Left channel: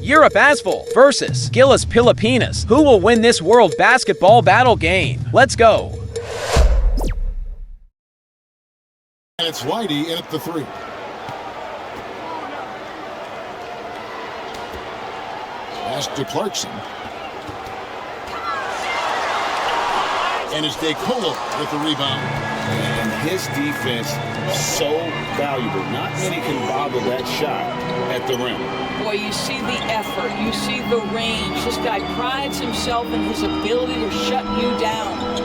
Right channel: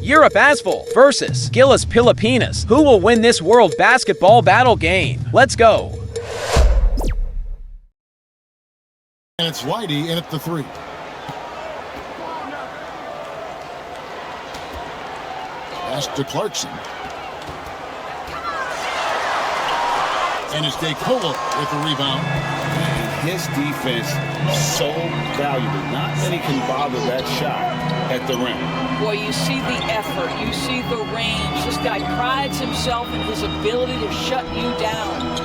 Europe ASVEL versus GILAS Pilipinas. Who will win this World Basketball Battle game? Let's go. And it's Whitey in at the three. Pass to Clarkson. And it's DeColo with the rebound. And his defense so valuable. Not many can bother that shot at the rim. Boy, you see the effort, you see the range. This guy prides himself in his ability to shut you down.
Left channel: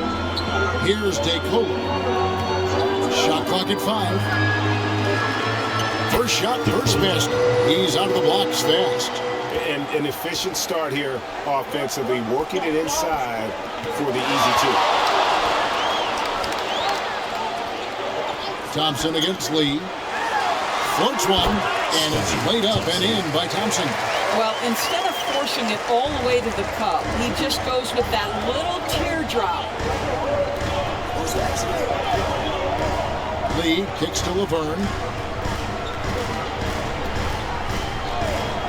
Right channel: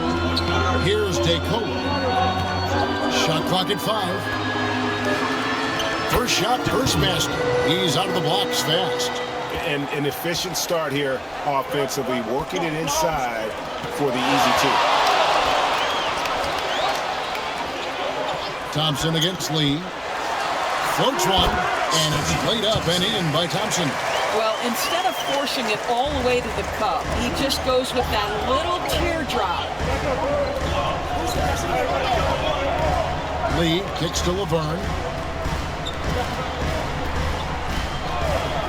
Here's DeColo. Shot clock at 5. First shot, first basket. He's out of the blocks fast. And an efficient start here offensively, working it inside for the easy two. Thompson against Lee. Floats one, and it's laid up and in by Thompson. Well, instead of forcing it all the way to the cup, he just goes with that little teardrop. Lee kicks to Laverne.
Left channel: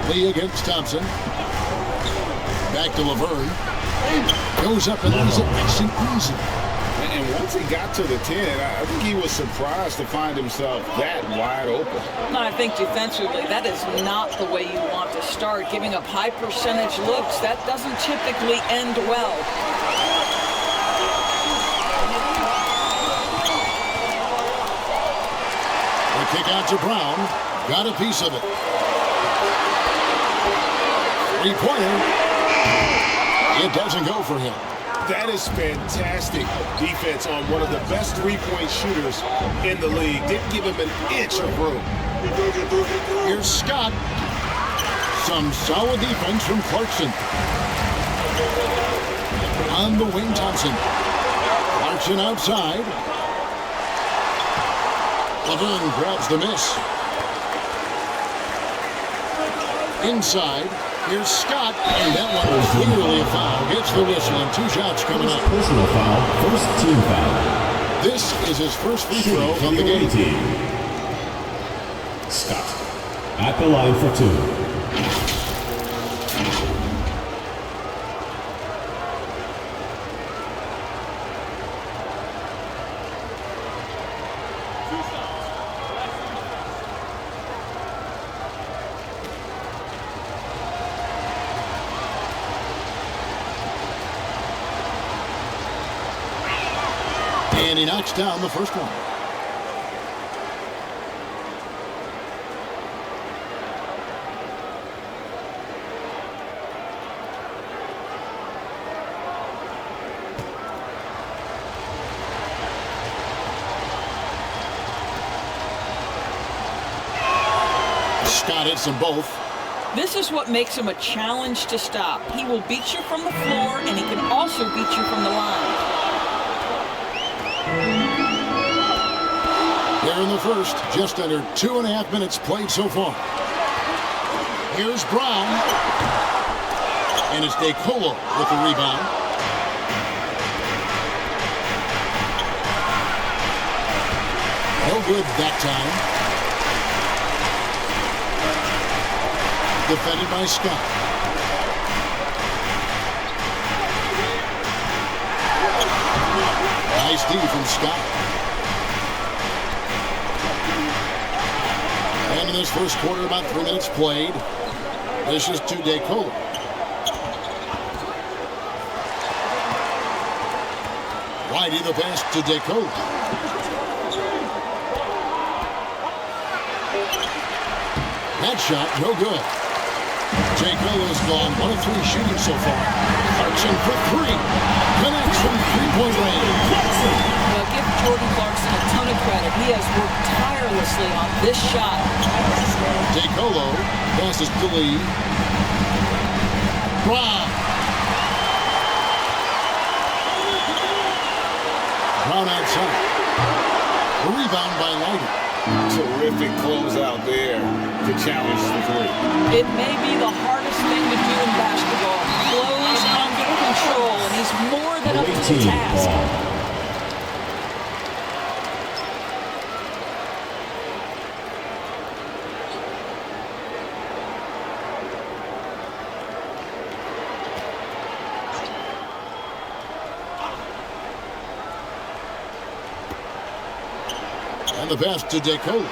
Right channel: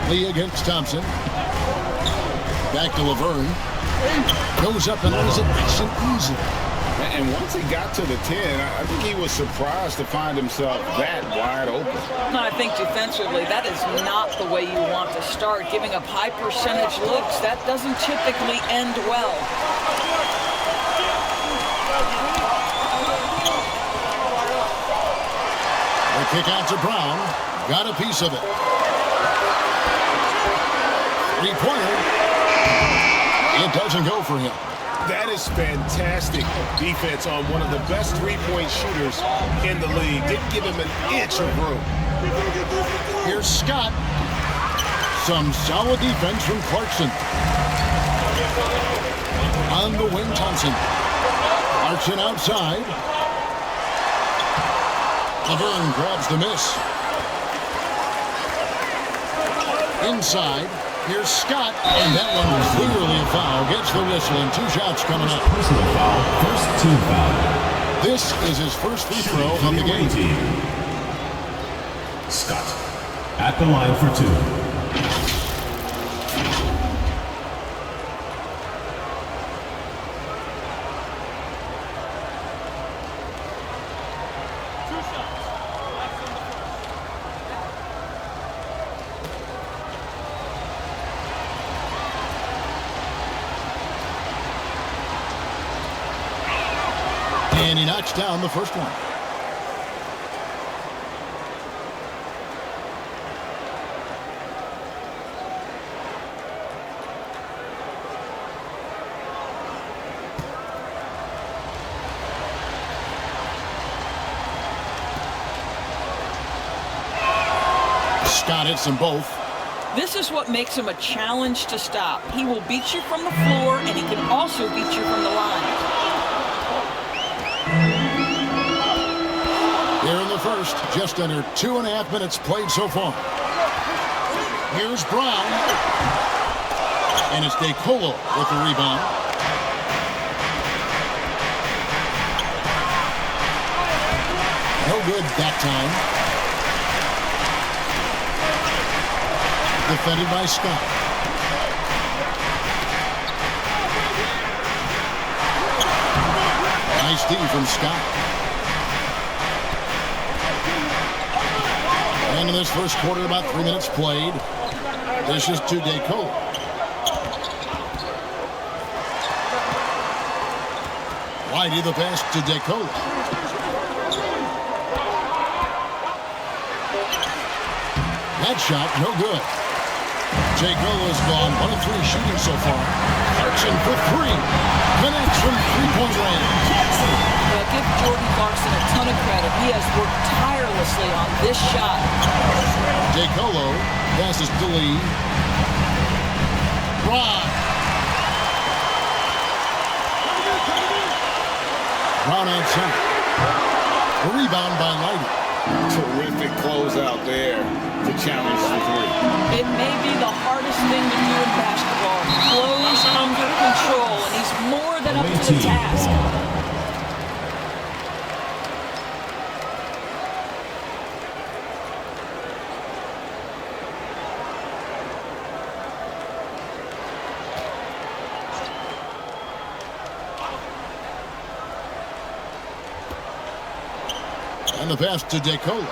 Lee against Thompson. Back to Laverne. Goes up and lays it nice and easy. And once he got to the 10, I think he was surprised to find himself that wide open. I think defensively, that is not the way you want to start. Giving up high percentage looks, that doesn't typically end well. The kick out to Brown. Got a piece of it. Three-pointer. It doesn't go for him. That is fantastic defense on one of the best three-point shooters in the league. Didn't give him an inch of room. Here's Scott. Some solid defense from Clarkson. On the wing, Thompson. Clarkson outside. Laverne grabs the miss. Inside. Here's Scott, and that one was clearly a foul. Gets the whistle, and 2 shots coming up. Personal foul, first team foul. This is his first free throw of the game. Scott at the line for 2. And he knocks down the first one. Scott hits them both. This is what makes him a challenge to stop. He will beat you from the floor, and he can also beat you from the line. Here in the first, just under 2.5 minutes played so far. Here's Brown. And it's DeColo with the rebound. No good that time. Defended by Scott. Nice D from Scott. And in this first quarter, about 3 minutes played. This is to DeColo. Whitey the pass to DeColo. That shot, no good. DeColo's gone 1 of 3 shooting so far. Clarkson for 3. Connects from three-point range. Well, give Jordan Clarkson a ton of credit. He has worked tirelessly on this shot. DeColo passes to Lee. Brown. Brown outside. A rebound by Lighty. Terrific closeout there to challenge the 3. It may be the hardest thing to do in basketball. Close under control, and he's more than up to the task. And the pass to DeCola.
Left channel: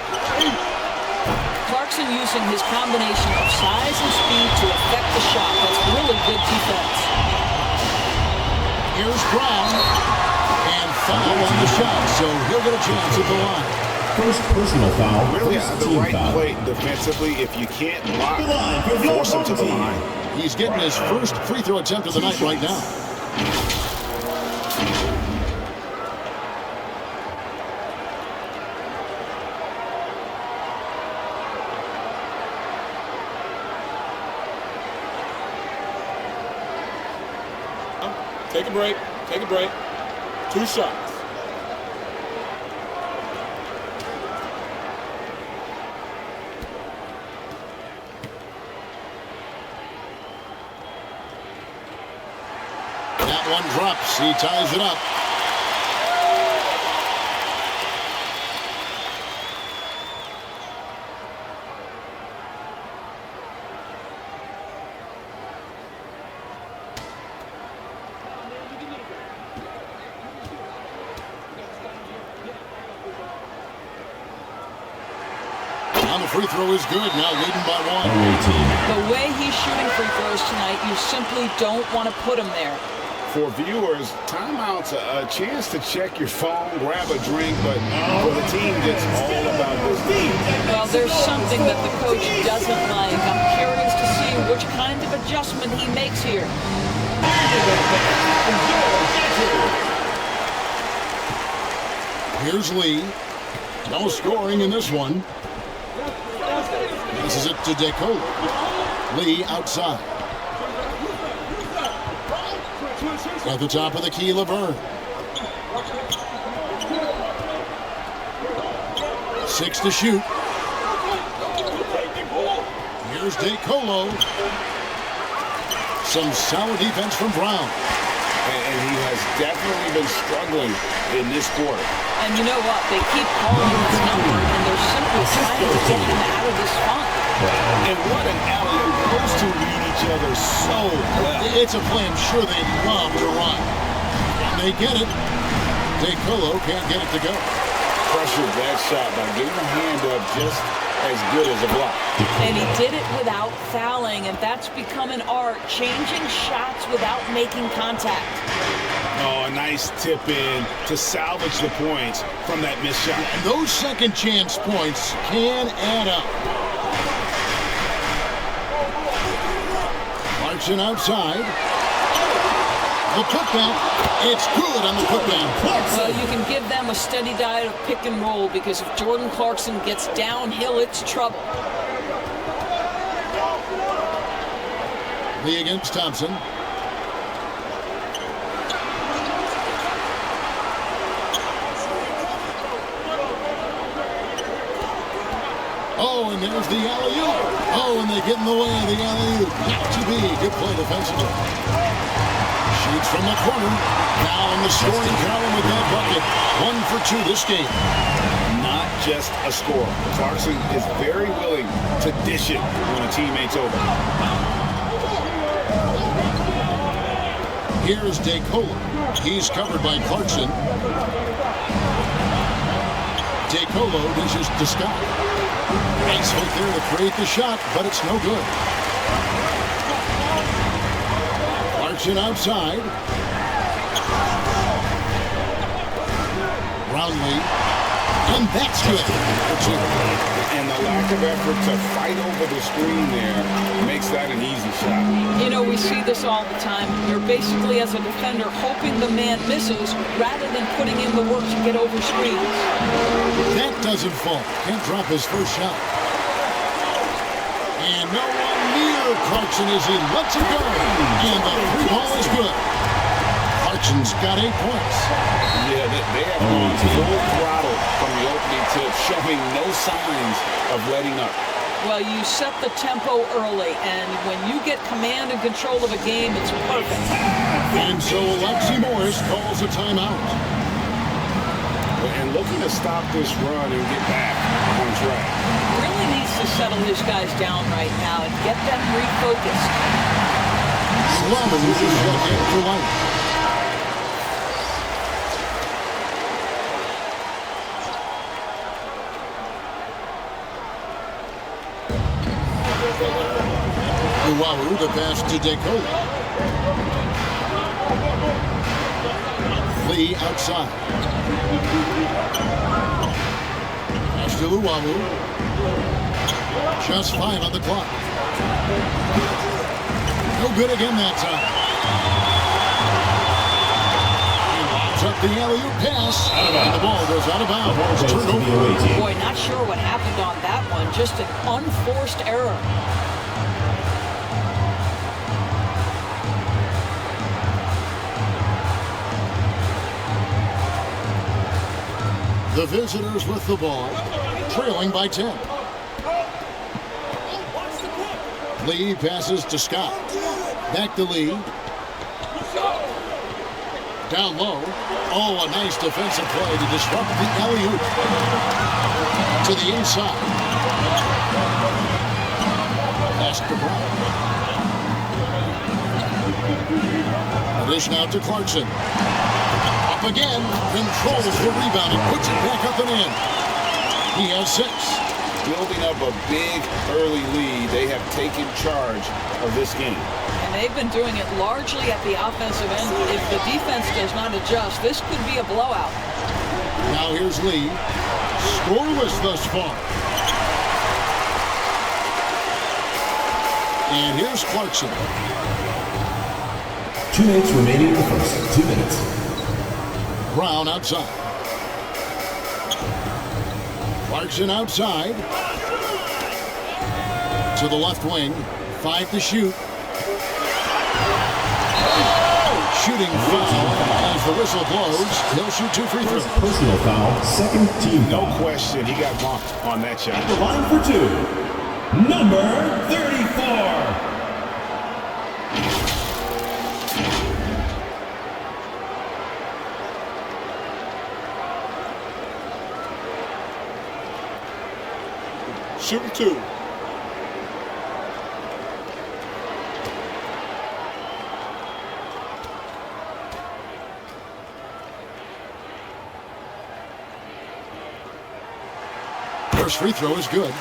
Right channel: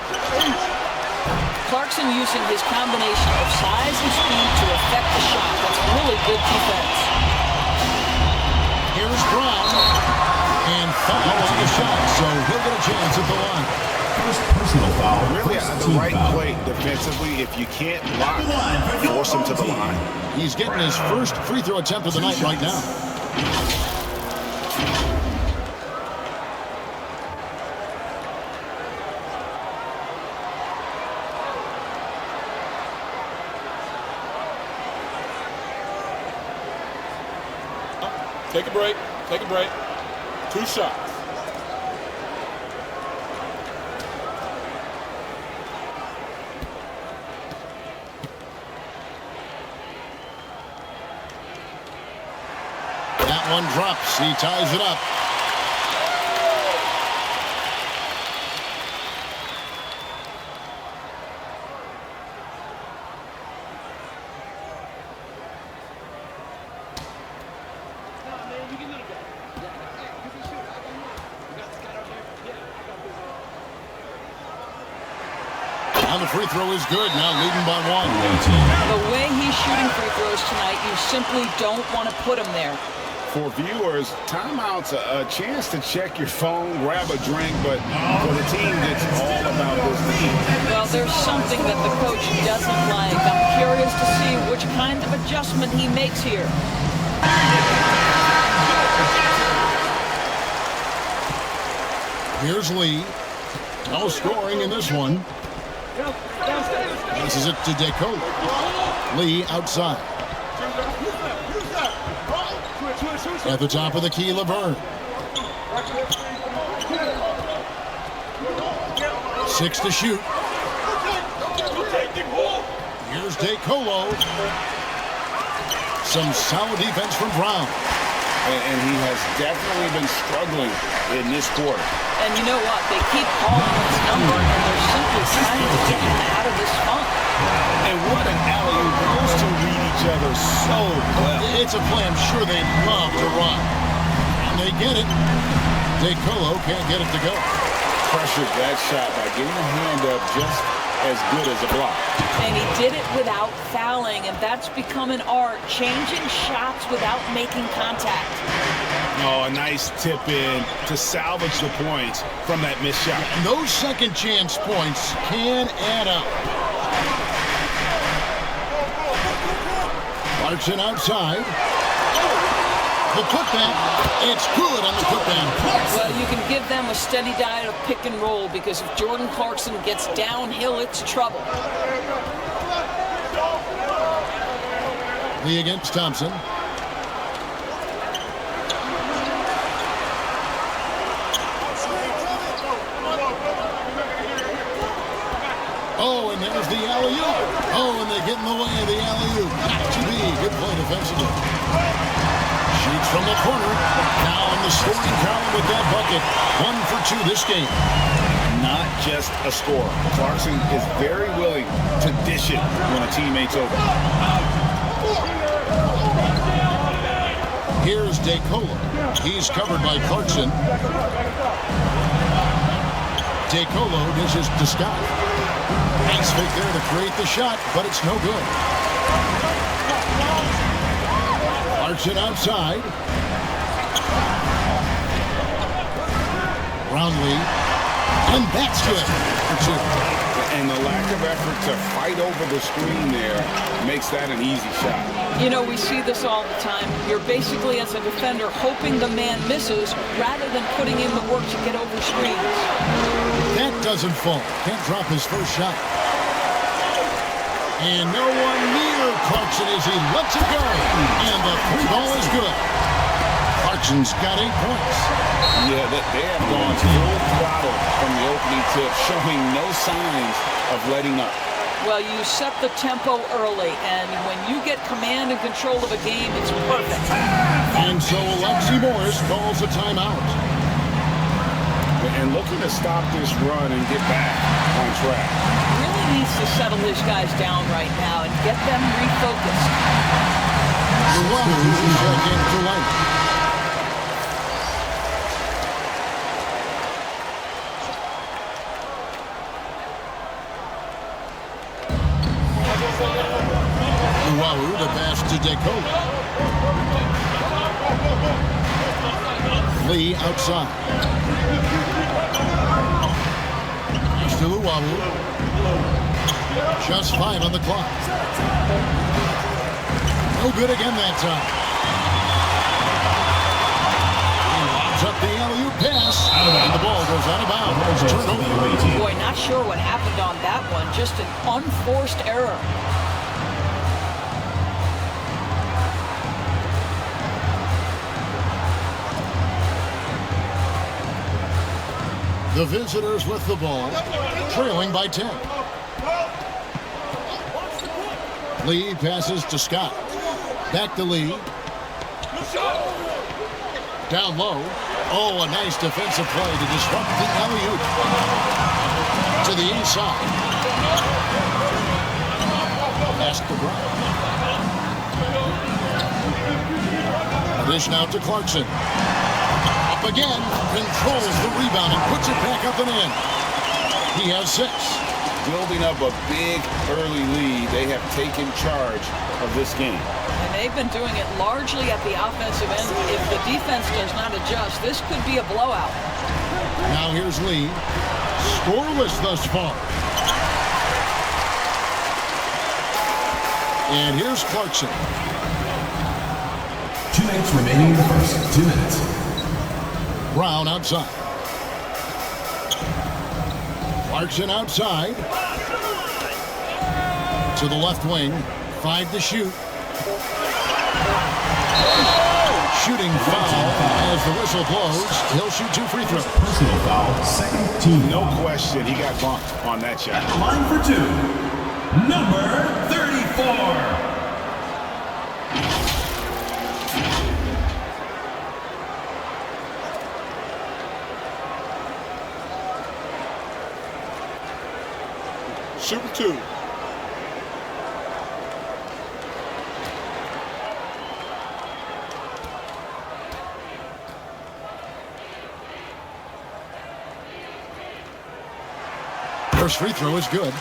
Clarkson using his combination of size and speed to affect the shot. That's really good defense. Here's Brown. And foul on the shot, so he'll get a chance at the line. First personal foul. Really First the team right foul. play defensively. If you can't block, force him to the line. He's getting his first free throw attempt of the night right now. Take a break. Take a break. 2 shots. That one drops. He ties it up. Now the free throw is good. Now leading by 1. Away team. The way he's shooting free throws tonight, you simply don't want to put him there. For viewers, timeout's a chance to check your phone, grab a drink, but for the team, it's all about business. Well, there's something that the coach doesn't like. I'm curious to see which kind of adjustment he makes here. Here's Lee. No scoring in this one. Passes it to DeCola. Lee outside. At the top of the key, Laverne. 6 to shoot. Here's DeColo. Some solid defense from Brown. And he has definitely been struggling in this quarter. And you know what? They keep calling his number, and they're simply trying to get him out of this funk. And what an alley-oop. Those two read each other so well. It's a play I'm sure they love to run. And they get it. DeColo can't get it to go. Pressured that shot by getting a hand up just as good as a block. And he did it without fouling, and that's become an art, changing shots without making contact. Oh, a nice tip in to salvage the points from that missed shot. And those second chance points can add up. Clarkson outside. The putback. It's good on the putback. Well, you can give them a steady diet of pick and roll, because if Jordan Clarkson gets downhill, it's trouble. Lee against Thompson. Oh, and there's the alley-oop. Oh, and they get in the way of the alley-oop. Not to be. Good play defensively. Shoots from the corner. Now in the scoring column with that bucket. 1 for 2 this game. Not just a scorer. Clarkson is very willing to dish it when a teammate's open. Here's DeColo. He's covered by Clarkson. DeColo dishes to Scott. Nice fake there to create the shot, but it's no good. Clarkson outside. Brownlee. And that's good for 2. And the lack of effort to fight over the screen there makes that an easy shot. You know, we see this all the time. You're basically, as a defender, hoping the man misses rather than putting in the work to get over screens. That doesn't fall. Can't drop his first shot. And no one near Clarkson as he lets it go. And the 3 ball is good. Clarkson's got 8 points. Yeah, they have gone full throttle from the opening tip, showing no signs of letting up. Well, you set the tempo early, and when you get command and control of a game, it's perfect. And so Alexi Morris calls a timeout. And looking to stop this run and get back on track. Really needs to settle his guys down right now and get them refocused. 11 is check in for Light. Luau, the pass to DeCola. Lee outside. Pass to Luau. Just 5 on the clock. No good again that time. He lobs up the alley-oop pass, and the ball goes out of bounds. It's turned over. Boy, not sure what happened on that one. Just an unforced error. The visitors with the ball, trailing by 10. Lee passes to Scott. Back to Lee. Down low. Oh, a nice defensive play to disrupt the alley-oop. To the inside. Pass to Brown. Dish now to Clarkson. Up again. Controls the rebound and puts it back up and in. He has 6. Building up a big early lead, they have taken charge of this game. And they've been doing it largely at the offensive end. If the defense does not adjust, this could be a blowout. Now here's Lee. Scoreless thus far. And here's Clarkson. 2 minutes remaining in the first. 2 minutes. Brown outside. Clarkson outside. To the left wing. 5 to shoot. Shooting foul as the whistle blows. He'll shoot 2 free throws. Personal foul, second team. No question, he got bumped on that shot. At the line for 2, number 34. Shooting 2. First free throw is good.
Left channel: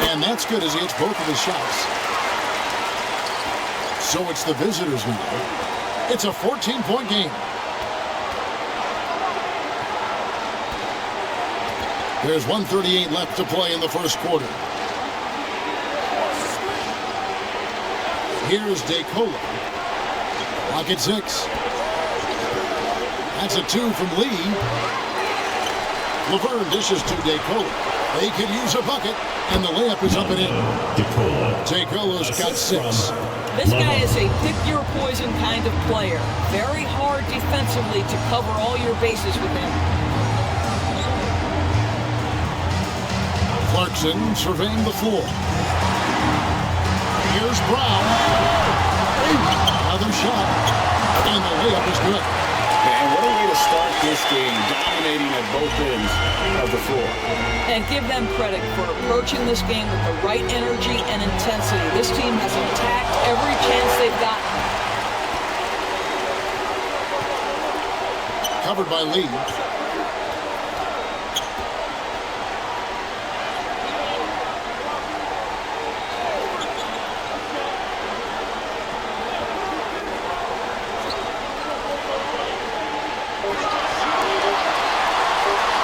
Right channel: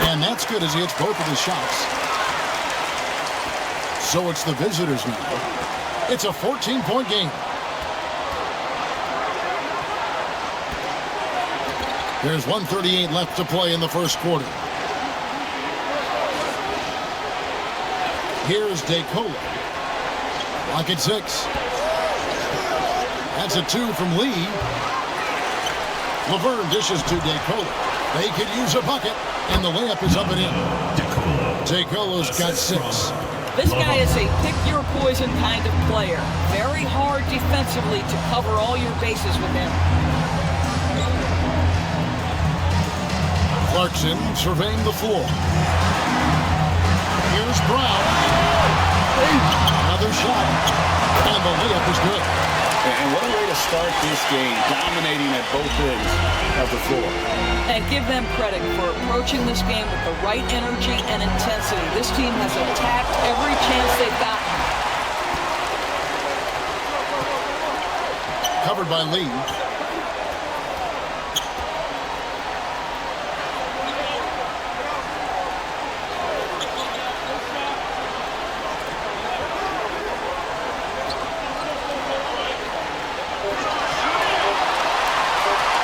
And that's good as he hits both of his shots. So it's the visitors now. It's a 14-point game. There's 1:38 left to play in the first quarter. Here's DeCola. Clock at 6. That's a 2 from Lee. Laverne dishes to DeCola. They could use a bucket, and the layup is up and in. DeCola's got 6. This guy is a pick-your-poison kind of player. Very hard defensively to cover all your bases with him. Clarkson surveying the floor. Here's Brown. Another shot, and the layup is good. And what a way to start this game, dominating at both ends of the floor. And give them credit for approaching this game with the right energy and intensity. This team has attacked every chance they've gotten. Covered by Lee.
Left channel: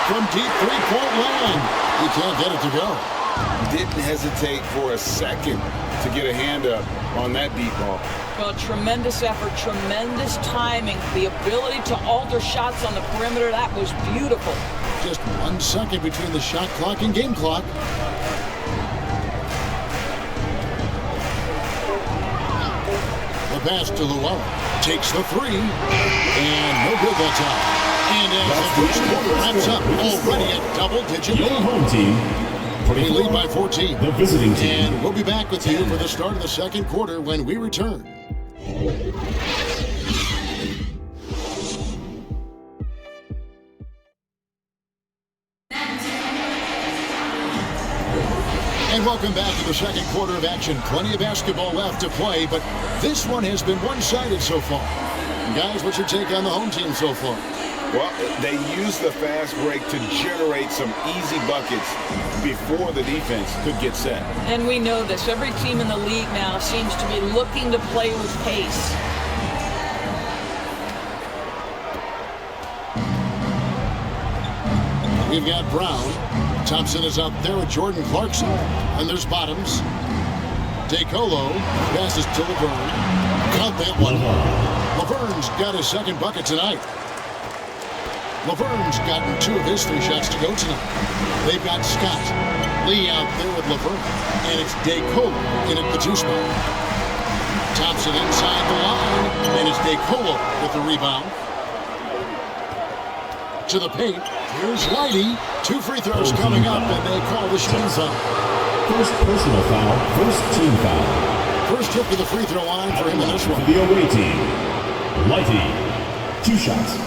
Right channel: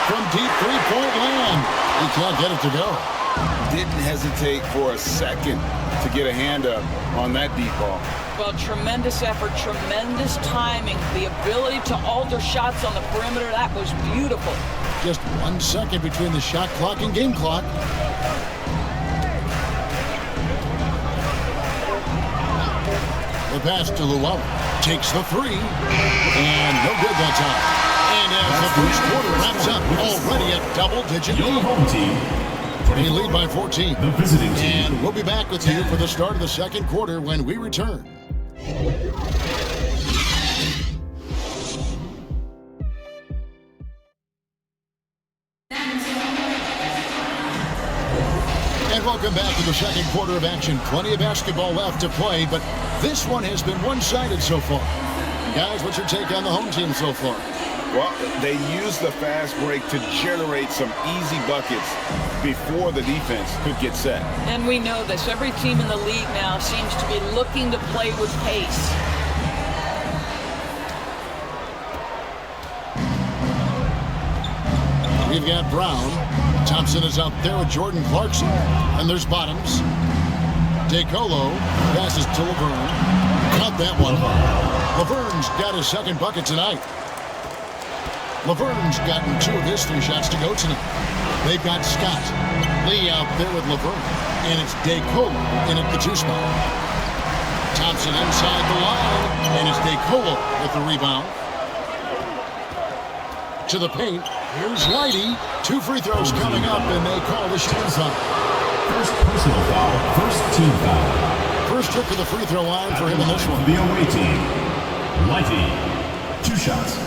From deep three-point land. He can't get it to go. Didn't hesitate for a second to get a hand up on that deep ball. Well, tremendous effort, tremendous timing. The ability to alter shots on the perimeter, that was beautiful. Just 1 second between the shot clock and game clock. The pass to Luau. Takes the 3. And no good that time. And as the first quarter wraps up, already a double-digit Your lead. home team. They lead by 14. The visiting team. And we'll be back with you for the start of the second quarter when we return. And welcome back to the second quarter of action. Plenty of basketball left to play, but this one has been one-sided so far. Guys, what's your take on the home team so far? Well, they used the fast break to generate some easy buckets before the defense could get set. And we know this. Every team in the league now seems to be looking to play with pace. We've got Brown. Thompson is out there with Jordan Clarkson. And there's Bottoms. DeColo passes to Laverne. Caught that one. Laverne's got his second bucket tonight. Laverne's gotten 2 of his 3 shots to go tonight. They've got Scott. Lee out there with Laverne. And it's DeColo in at the 2 spot. Thompson inside the line. And it's DeColo with the rebound. To the paint. Here's Lighty. 2 free throws coming up, and they call the shooting foul. First personal foul, first team foul. First trip to the free throw line for him in this one. For the away team, Lighty, 2 shots.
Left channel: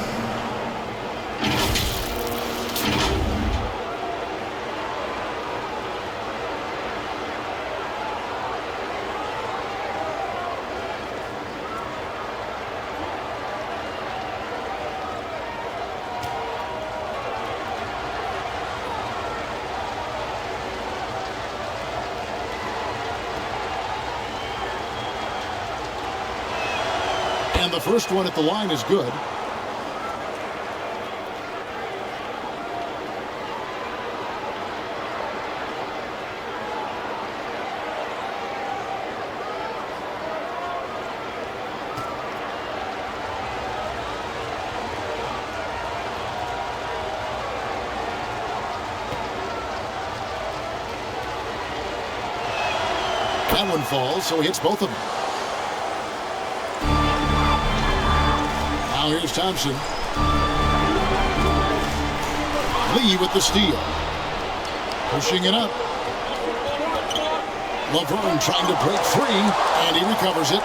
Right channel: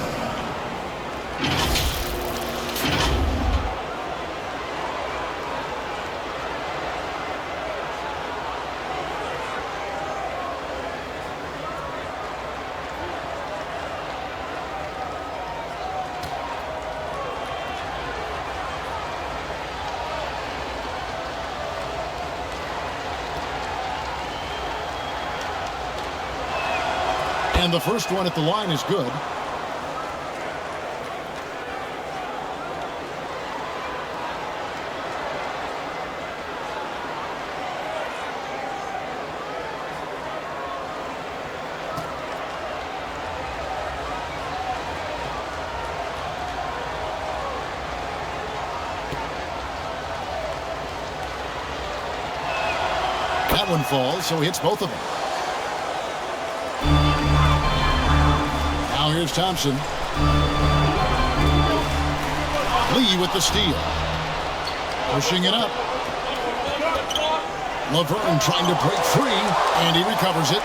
And the first one at the line is good. That one falls, so he hits both of them. Now here's Thompson. Lee with the steal. Pushing it up. Laverne trying to break free, and he recovers it.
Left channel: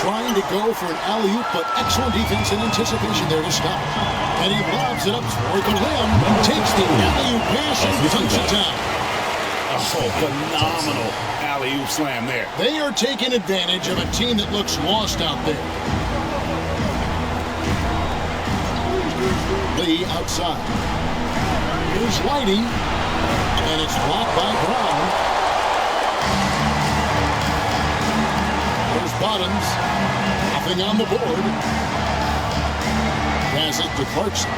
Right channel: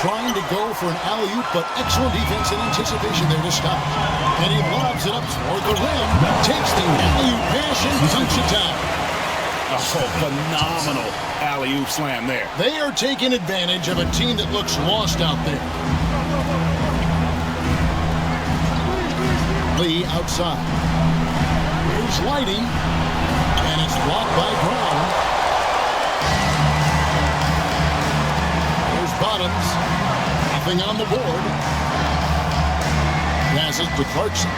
Trying to go for an alley-oop, but excellent defense and anticipation there to stop it. And he lobs it up toward the rim. Takes the alley-oop pass and dunks it down. Oh, phenomenal alley-oop slam there. They are taking advantage of a team that looks lost out there. Lee outside. Here's Lighty, and it's blocked by Brown. There's Bottoms. Nothing on the board. Passes to Clarkson.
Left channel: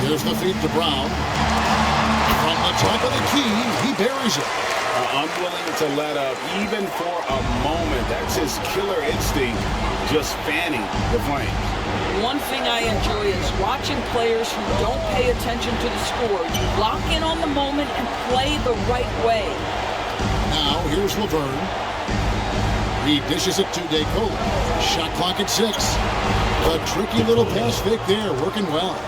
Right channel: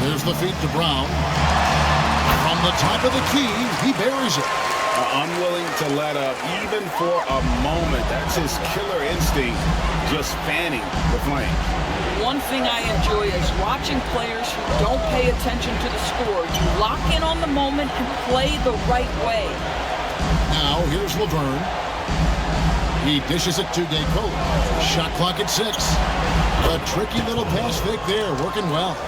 Here's the feed to Brown. From the top of the key, he buries it. Unwilling to let up even for a moment. That's his killer instinct, just fanning the flames. One thing I enjoy is watching players who don't pay attention to the score. You lock in on the moment and play the right way. Now here's Laverne. He dishes it to DeColo. Shot clock at 6. A tricky little pass fake there, working well.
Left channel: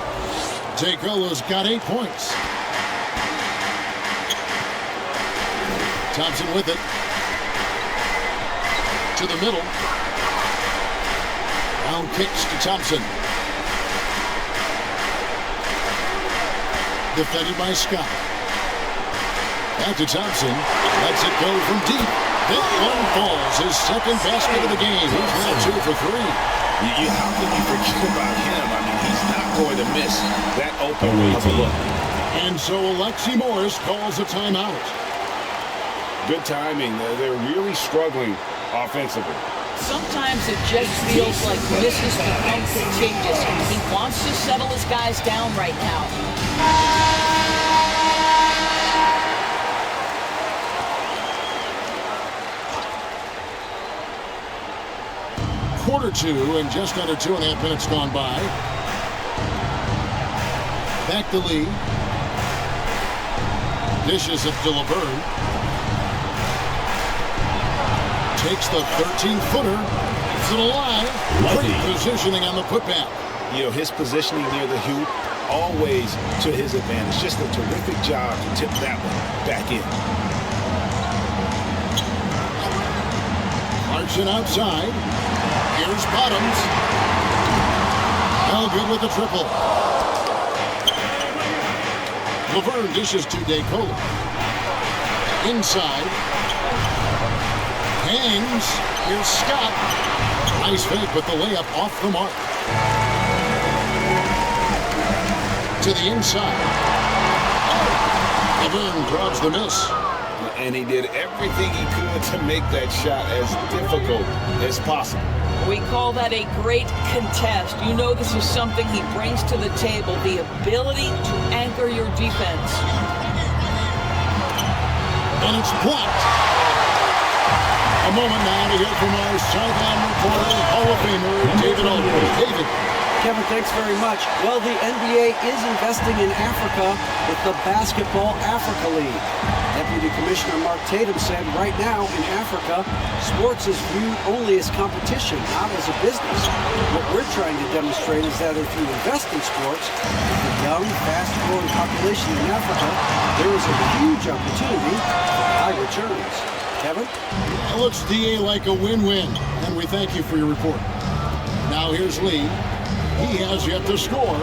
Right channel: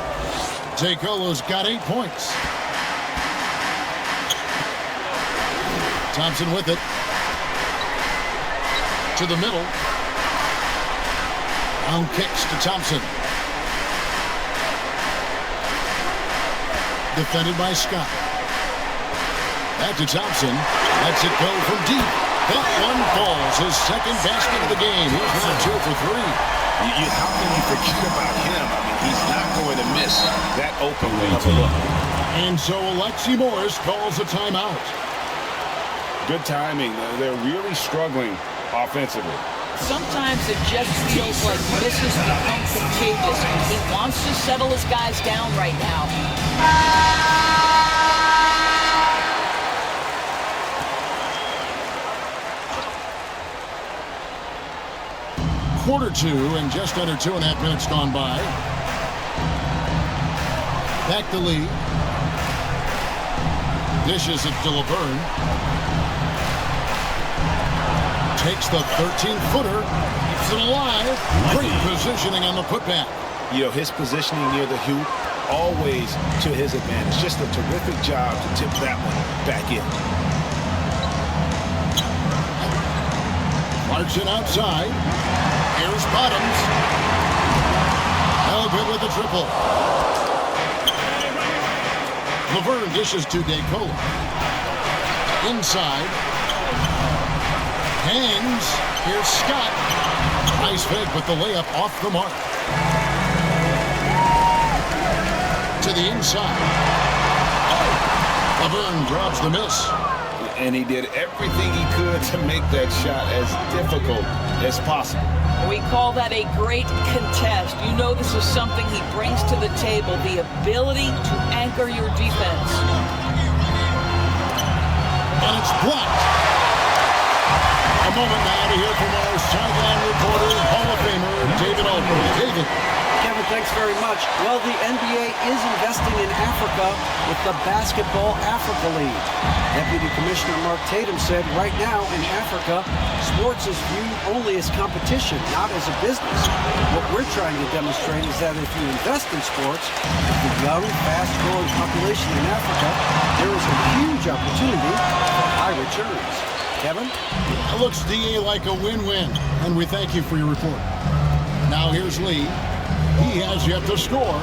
DeColo's got 8 points. Thompson with it. To the middle. Brown kicks to Thompson. Defended by Scott. Back to Thompson. Lets it go from deep. That one falls. His second basket of the game. He's now 2 for 3. How can you forget about him? I mean, he's not going to miss that open of a look. And so Alexi Morris calls a timeout. Good timing. They're really struggling offensively. Sometimes it just feels like misses become contagious. He wants to settle his guys down right now. Quarter 2 and just under 2.5 minutes gone by. Back to Lee. Dishes it to Laverne. Takes the 13-footer. Keeps it alive. Great positioning on the putback. You know, his positioning near the hoop, always to his advantage. Just a terrific job to tip that one back in. Clarkson outside. Here's Bottoms. No good with the triple. Laverne dishes to DeCola. Inside. Hangs. Here's Scott. Nice fake, but the layup off the mark. To the inside. Laverne grabs the miss. And he did everything he could to make that shot as difficult as possible. We call that a great contest. You know this is something he brings to the table, the ability to anchor your defense. And it's blocked. A moment now to hear from our sideline reporter, Hall of Famer David Aldridge. David. Kevin, thanks very much. Well, the NBA is investing in Africa with the Basketball Africa League. Deputy Commissioner Mark Tatum said right now in Africa, sports is viewed only as competition, not as a business. What we're trying to demonstrate is that if you invest in sports, with the young, fast-growing population in Africa, there is a huge opportunity for high returns. Kevin? It looks, DA, like a win-win, and we thank you for your report. Now here's Lee. He has yet to score.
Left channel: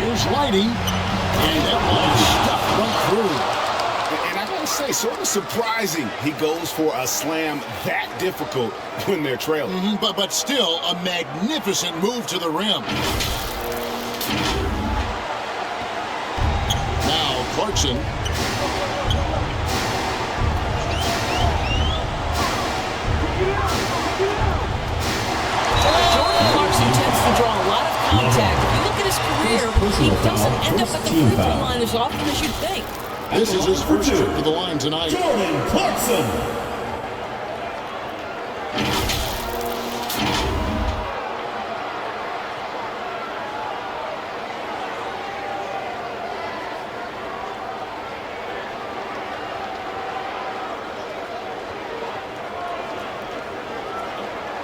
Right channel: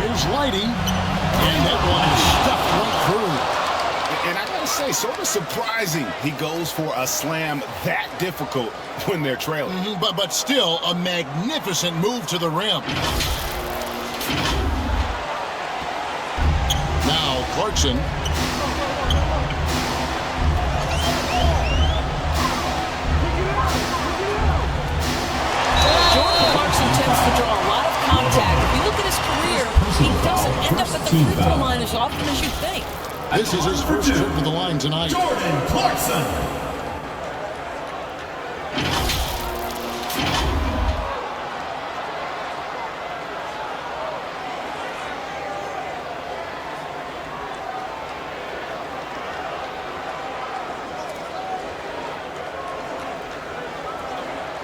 Here's Lighty. And that one is stuffed right through. And I gotta say, sort of surprising he goes for a slam that difficult when they're trailing. But still a magnificent move to the rim. Now Clarkson. Jordan Clarkson tends to draw a lot of contact. If you look at his career, he doesn't end up at the free throw line as often as you'd think. This is his first trip to the line tonight. Jordan Clarkson.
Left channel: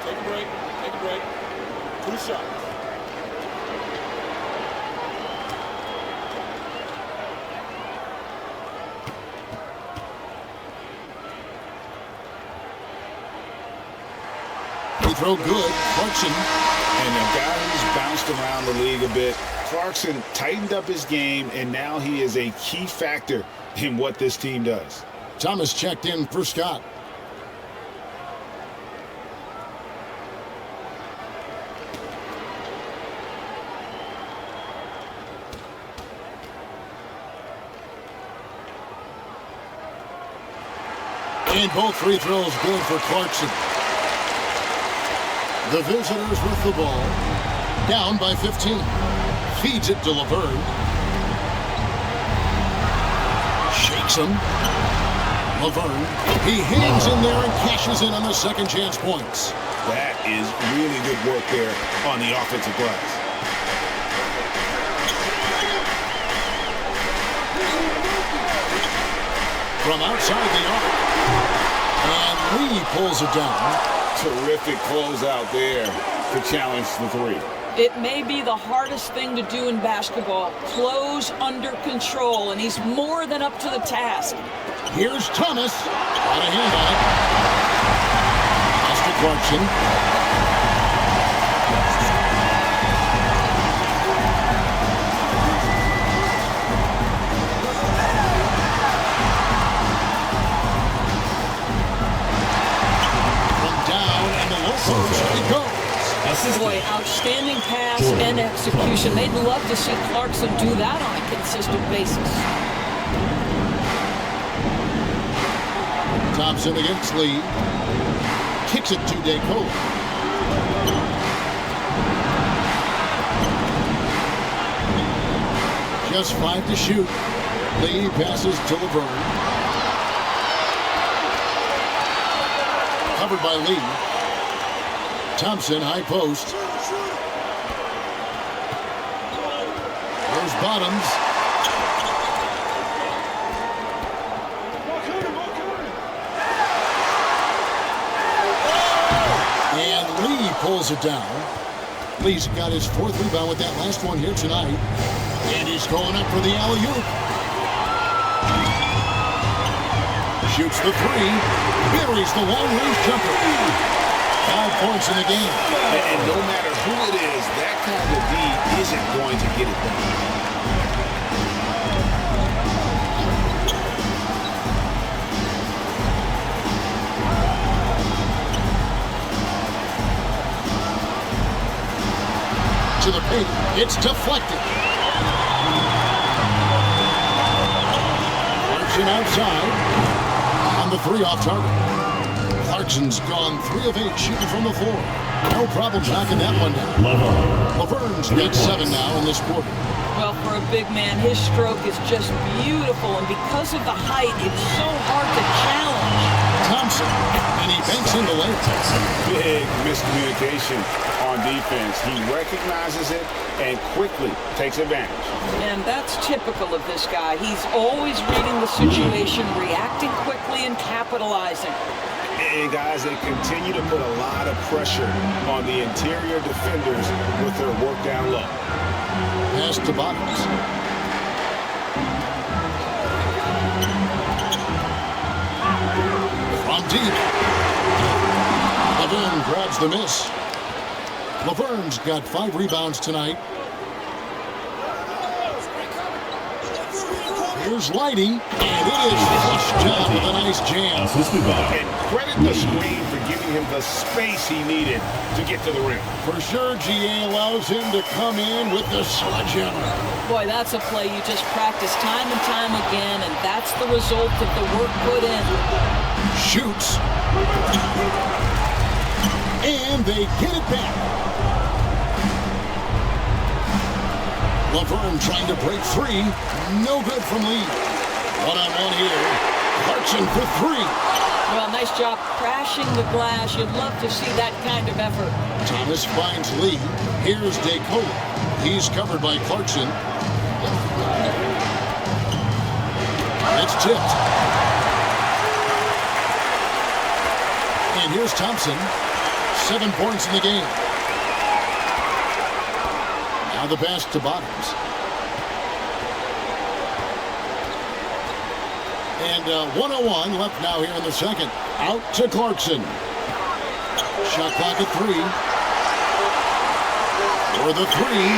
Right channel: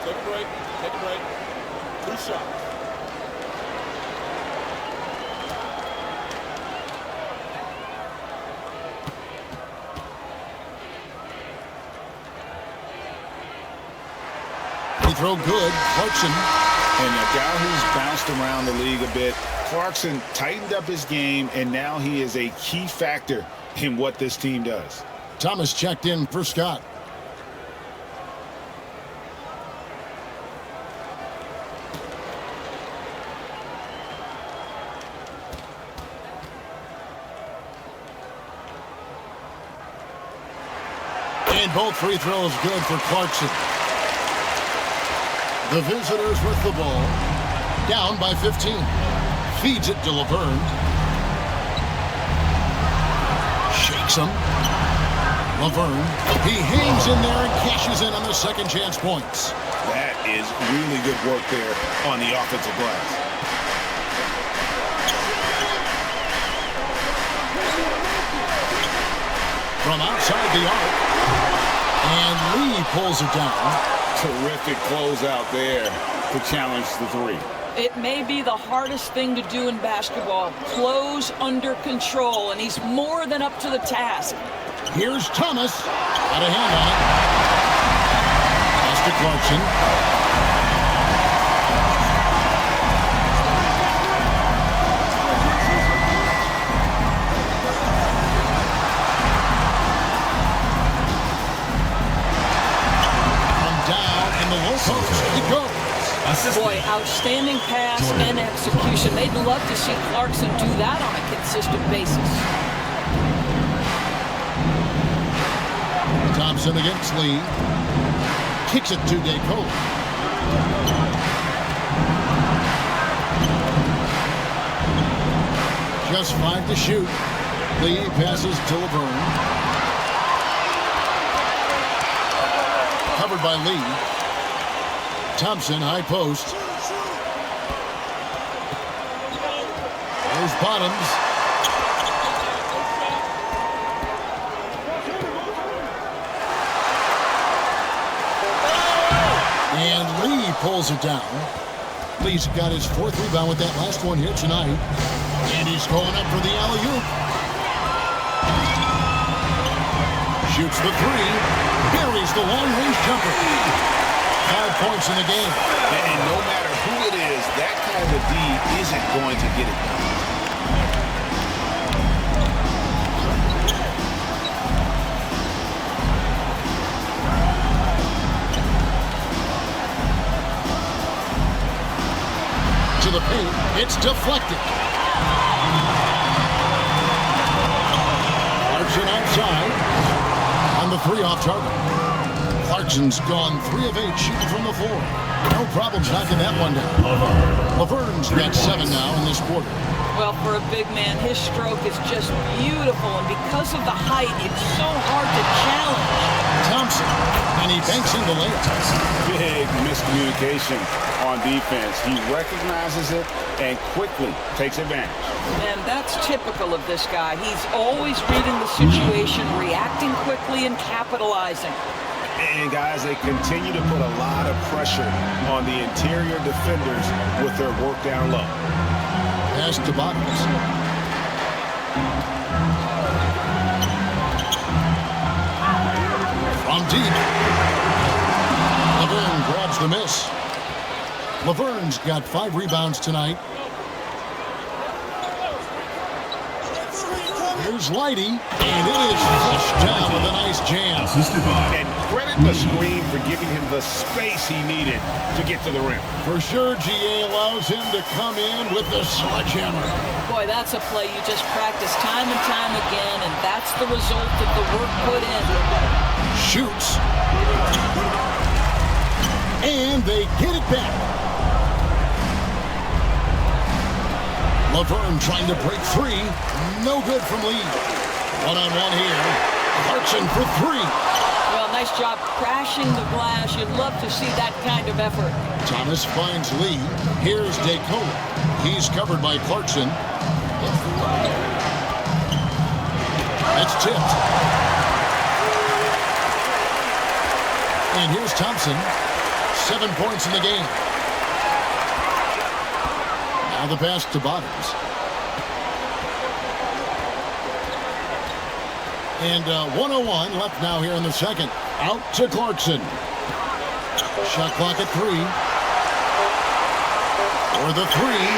Take a break. Take a break. 2 shots. Free throw good. Clarkson. And a guy who's bounced around the league a bit, Clarkson tightened up his game, and now he is a key factor in what this team does. Thomas checked in for Scott. And both free throws good for Clarkson. The visitors with the ball. Down by 15. Feeds it to Laverne. Shakes him. Laverne. He hangs in there and cashes in on the second chance points. That is really good work there on the offensive glass. From outside the arc. And Lee pulls it down. Terrific closeout there to challenge the three. It may be the hardest thing to do in basketball. Close under control, and he's more than up to the task. Here's Thomas. Got a hand on it. Pass to Clarkson. Post, it goes. Boy, outstanding pass and execution. They'd love to see Clarkson do that on a consistent basis. Thompson against Lee. Kicks it to DeCola. Just 5 to shoot. Lee passes to Laverne. Covered by Lee. Thompson, high post. There's Bottoms. And Lee pulls it down. Lee's got his 4th rebound with that last one here tonight. And he's going up for the alley-oop. Shoots the 3. Buries the long-range jumper. 5 points in the game. And no matter who it is, that kind of D isn't going to get it done. To the paint, it's deflected. Clarkson outside on the 3 off target. Clarkson's gone 3 of 8 shooting from the floor. No problems knocking that one down. Laverne's got 7 now in this quarter. Well, for a big man, his stroke is just beautiful, and because of the height, it's so hard to challenge. Thompson, and he banks in the layup. Big miscommunication on defense. He recognizes it and quickly takes advantage. And that's typical of this guy. He's always reading the situation, reacting quickly, and capitalizing. And guys, they continue to put a lot of pressure on the interior defenders with their work down low. Pass to Bottoms. From deep. Laverne grabs the miss. Laverne's got 5 rebounds tonight. Here's Lighty, and it is flushed down with a nice jam. And credit the screen for giving him the space he needed to get to the rim. For sure, GA allows him to come in with the sledgehammer. Boy, that's a play you just practice time and time again, and that's the result of the work put in. Shoots. And they get it back. Laverne trying to break 3. No good from Lee. One-on-one here. Clarkson for 3. Well, nice job crashing the glass. You'd love to see that kind of effort. Thomas finds Lee. Here's DeCola. He's covered by Clarkson. It's tipped. And here's Thompson. 7 points in the game. Now the pass to Bottoms. And 1:01 left now here in the second. Out to Clarkson. Shot clock at 3. For the 3.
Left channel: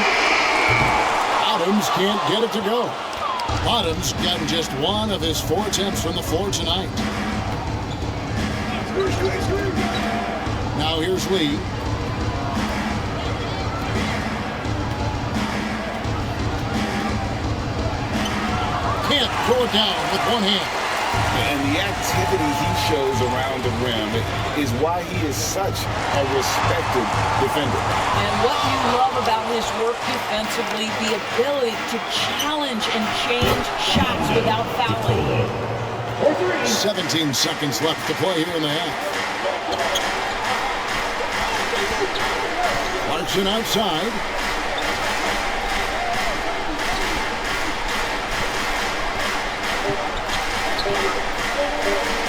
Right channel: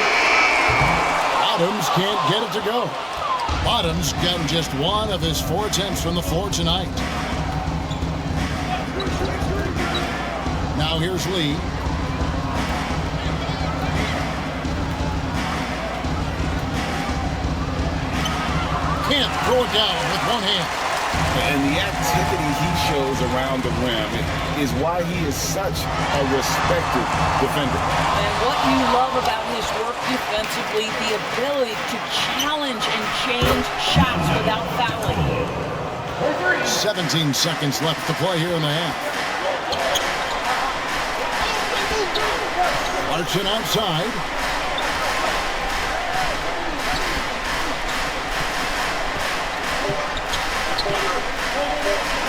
Bottoms can't get it to go. Bottoms gotten just 1 of his 4 attempts from the floor tonight. Now here's Lee. Can't throw it down with one hand. And the activity he shows around the rim is why he is such a respected defender. And what you love about his work defensively, the ability to challenge and change shots without fouling. 17 seconds left to play here in the half. Clarkson outside.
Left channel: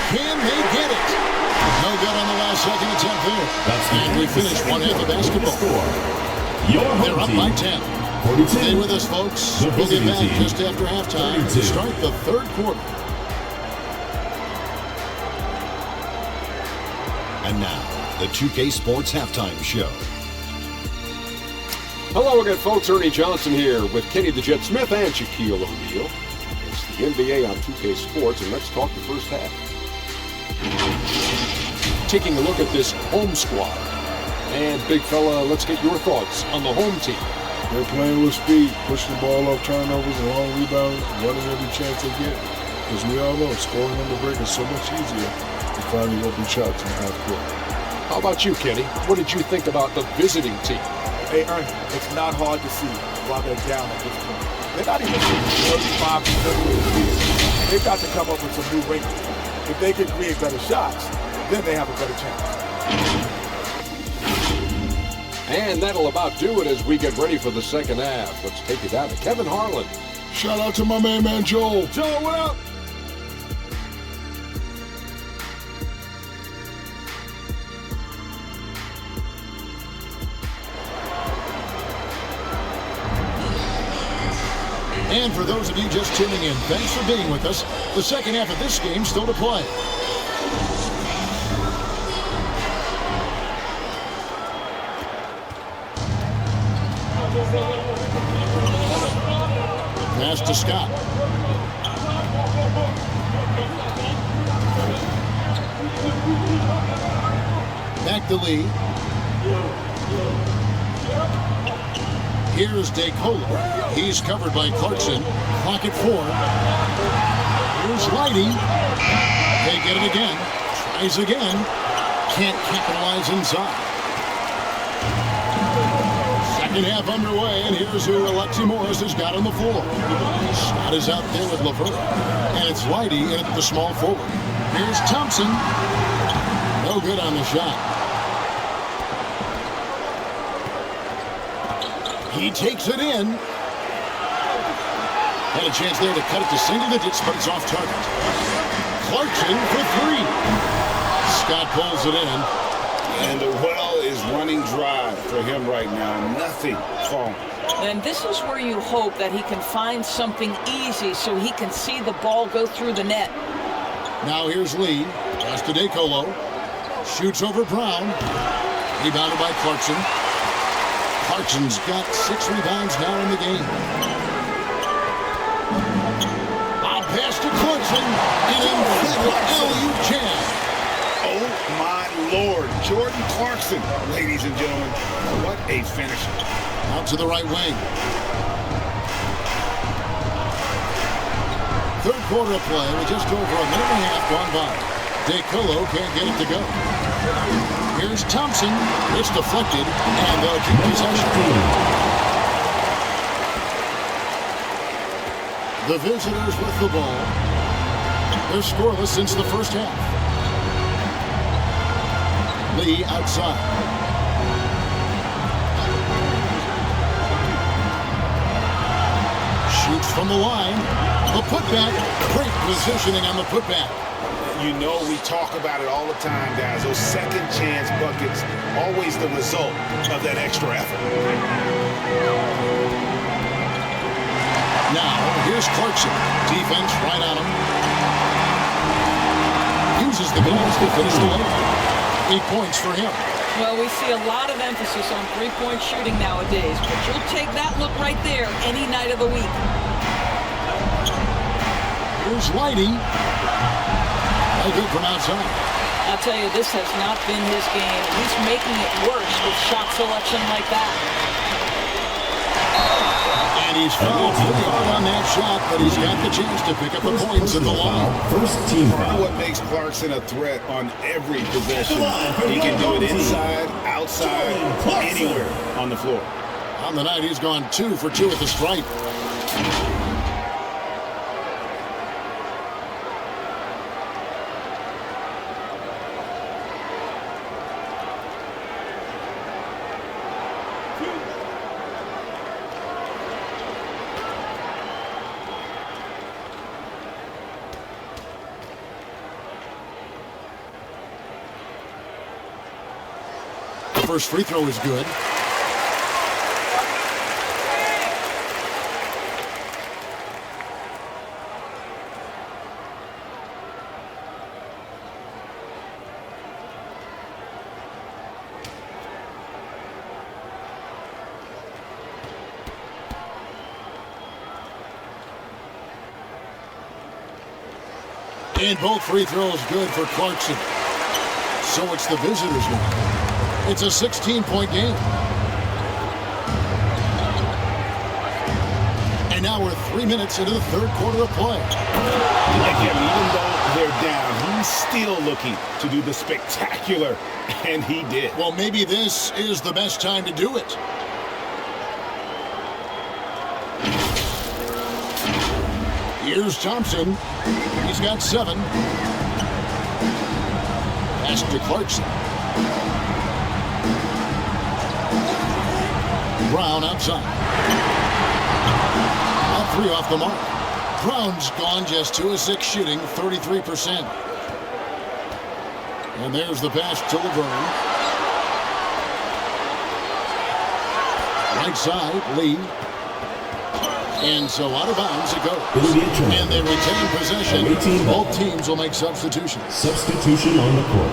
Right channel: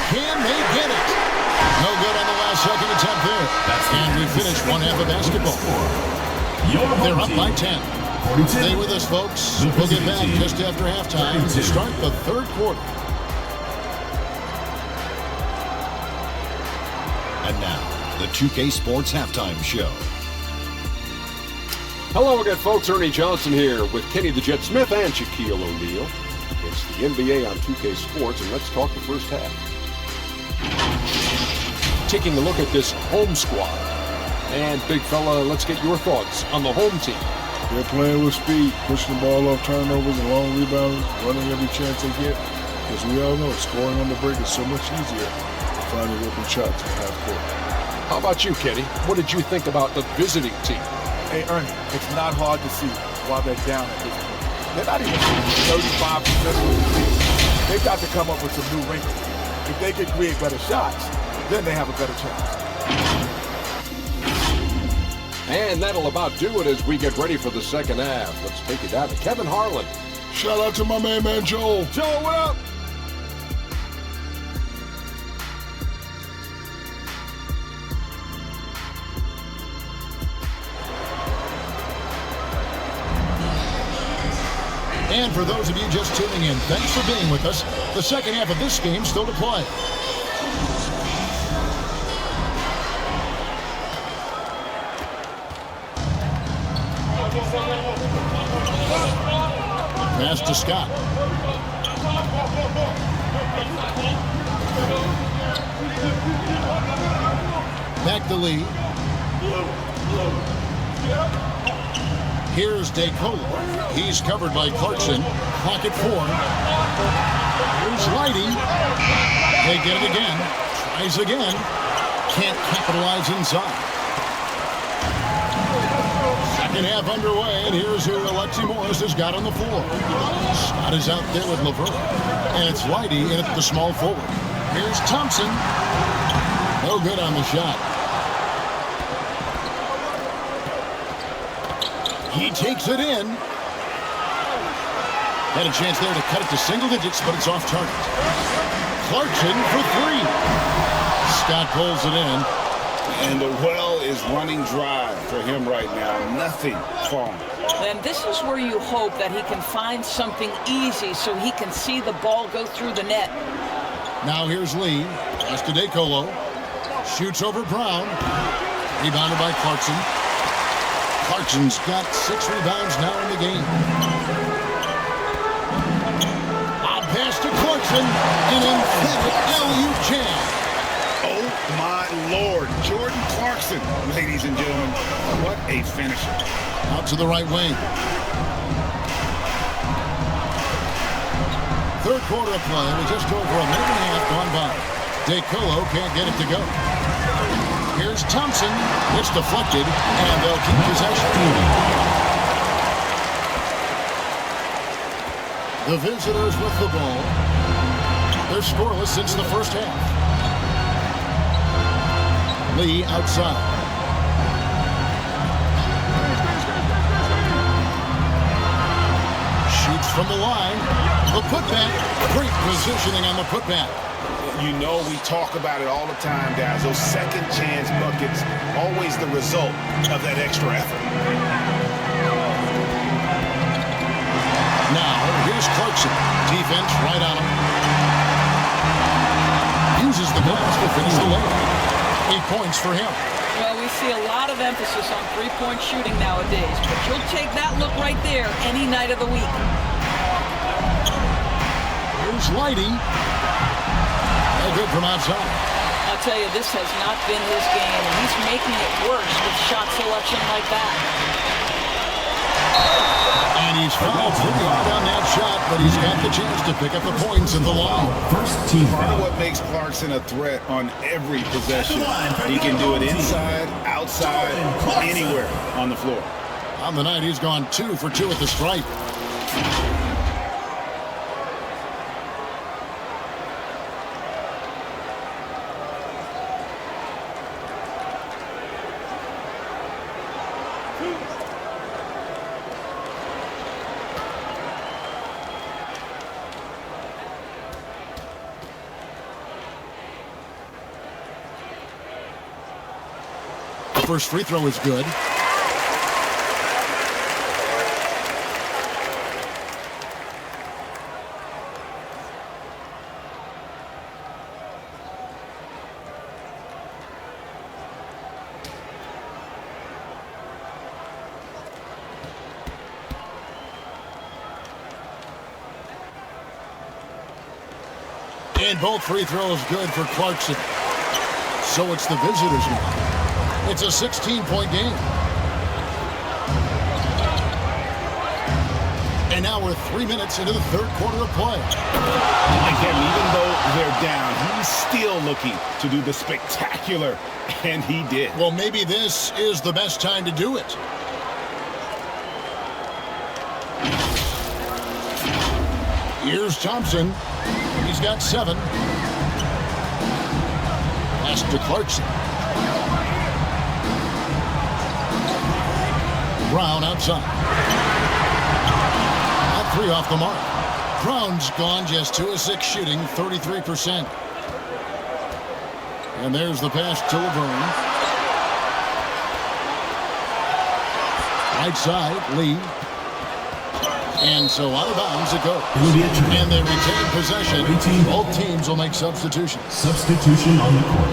Can they get it? No good on the last second attempt there. And we finish one half of basketball. They're up by 10. Stay with us, folks. We'll get back just after halftime to start the third quarter. And now, the 2K Sports Halftime Show. Hello again, folks. Ernie Johnson here with Kenny the Jet Smith and Shaquille O'Neal. It's the NBA on 2K Sports, and let's talk the first half. Taking a look at this home squad. And, big fella, let's get your thoughts on the home team. They're playing with speed, pushing the ball off turnovers and long rebounds, running every chance they get. Because we all know scoring on the break is so much easier than finding open shots in the half court. How about you, Kenny? What did you think about the visiting team? Hey, Ernie, it's not hard to see why they're down at this point. They're not even shooting 35% of the lead. They've got to come up with some new wrinkles. If they can create better shots, then they have a better chance. And that'll about do it as we get ready for the second half. Let's take it down to Kevin Harlan. Shout out to my man Joel. Joel, what up? And for those of you just tuning in, thanks for being with us. The second half of this game still to play. Pass to Scott. Back to Lee. Here's DeCola. He's covered by Clarkson. Clock at 4. Here's Lighty. They get it again. Tries again. Can't capitalize inside. Second half underway, and here's who Alexi Morris has got on the floor. Scott is out there with LeVert. And it's Lighty in at the small forward. Here's Thompson. No good on the shot. He takes it in. Had a chance there to cut it to single digits, but it's off target. Clarkson for 3. Scott pulls it in. And the well is running dry for him right now. Nothing falling. And this is where you hope that he can find something easy so he can see the ball go through the net. Now here's Lee. Pass to DeColo. Shoots over Brown. Rebounded by Clarkson. Clarkson's got 6 rebounds now in the game. Lob pass to Clarkson. An emphatic alley-oop jam. Oh, my Lord. Jordan Clarkson, ladies and gentlemen. What a finisher. Out to the right wing. Third quarter of play with just over a minute and a half gone by. DeColo can't get it to go. Here's Thompson. It's deflected, and they'll keep possession. The visitors with the ball. They're scoreless since the first half. Lee outside. Shoots from the line. The putback. Great positioning on the putback. You know, we talk about it all the time, guys. Those second chance buckets, always the result of that extra effort. Now, here's Clarkson. Defense right on him. Uses the glass to finish the layup. 8 points for him. Well, we see a lot of emphasis on three-point shooting nowadays, but you'll take that look right there any night of the week. Here's Lighty. No good from outside. I'll tell you, this has not been his game, and he's making it worse with shot selection like that. And he's fouled pretty hard on that shot, but he's got the chance to pick up the points in the line. First team Part foul. of what makes Clarkson a threat on every possession. He can do it inside, outside, anywhere on the floor. On the night, he's gone 2 for 2 at the stripe. First free throw is good. And both free throws good for Clarkson. So it's the visitors now. It's a 16-point game. And now we're 3 minutes into the third quarter of play. Like him, even though they're down, he's still looking to do the spectacular, and he did. Well, maybe this is the best time to do it. Here's Thompson. He's got 7. Pass to Clarkson. Brown outside. That 3 off the mark. Brown's gone just 2 of 6 shooting, 33%. And there's the pass to Laverne. Right side, Lee. And so out of bounds it goes. And they retain possession. Both teams will make substitutions. Substitution on the court.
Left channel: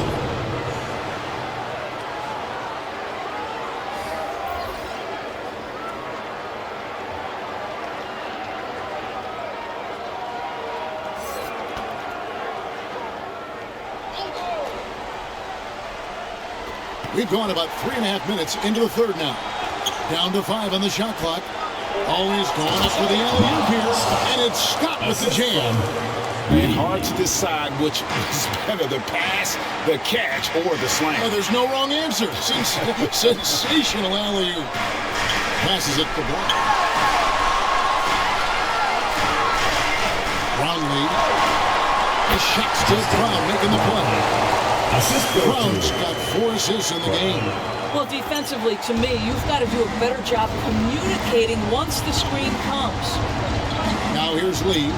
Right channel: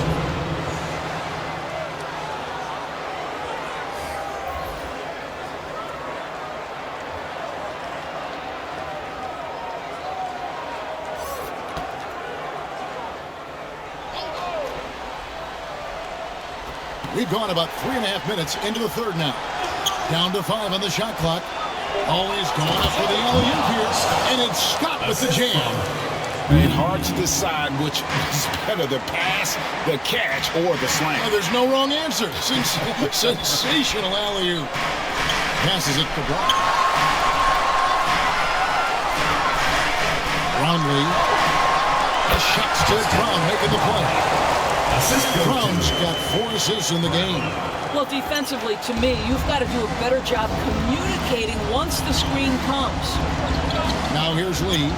We've gone about 3.5 minutes into the third now. Down to 5 on the shot clock. Always going up for the alley-oop here, and it's Scott with the jam. And hard to decide which is better, the pass, the catch, or the slam. Oh, there's no wrong answer. Sensational alley-oop. Passes it to Brown. Brownlee. The shot's to Brown making the play. Brown's got 4 assists in the game. Well, defensively, to me, you've got to do a better job communicating once the screen comes. Now here's Lee.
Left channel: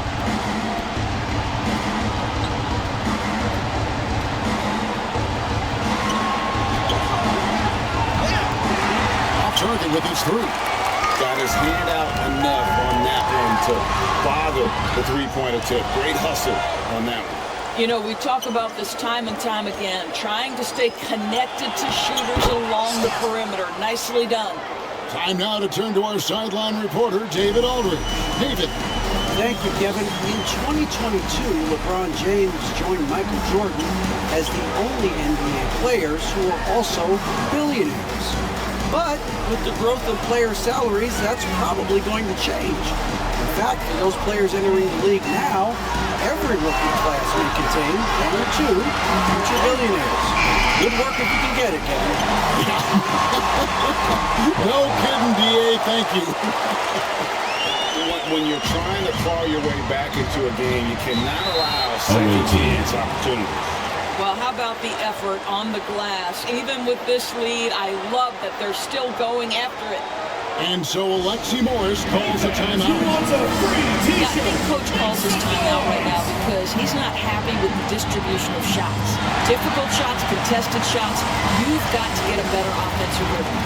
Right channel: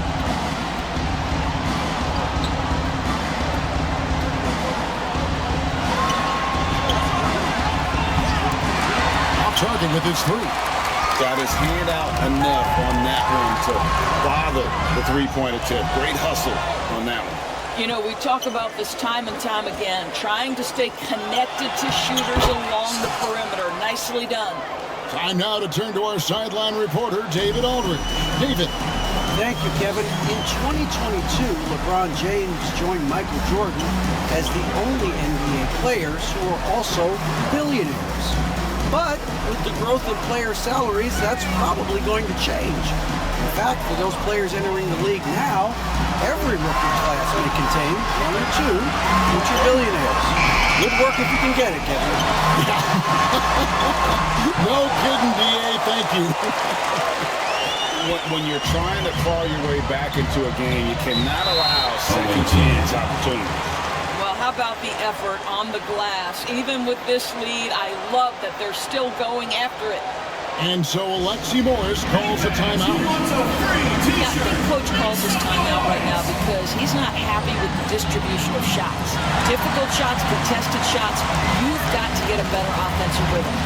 Off target with his 3. Got his hand out enough on that one to bother the three-point attempt. Great hustle on that one. You know, we talk about this time and time again, trying to stay connected to shooters along the perimeter. Nicely done. Time now to turn to our sideline reporter, David Aldridge. David. Thank you, Kevin. In 2022, LeBron James joined Michael Jordan as the only NBA players who are also billionaires. But with the growth in player salaries, that's probably going to change. In fact, for those players entering the league now, every rookie class may contain 1 or 2 future billionaires. Good work if you can get it, Kevin. No kidding, DA. Thank you. When you're trying to claw your way back into a game, you cannot allow second chance opportunities. Well, how about the effort on the glass? Even with this lead, I love that they're still going after it. And so Alexi Morris calls a timeout. Yeah, I think Coach calls his timeout right now because he's not happy with the distribution of shots. Difficult shots, contested shots. You've got to get a better offensive rhythm.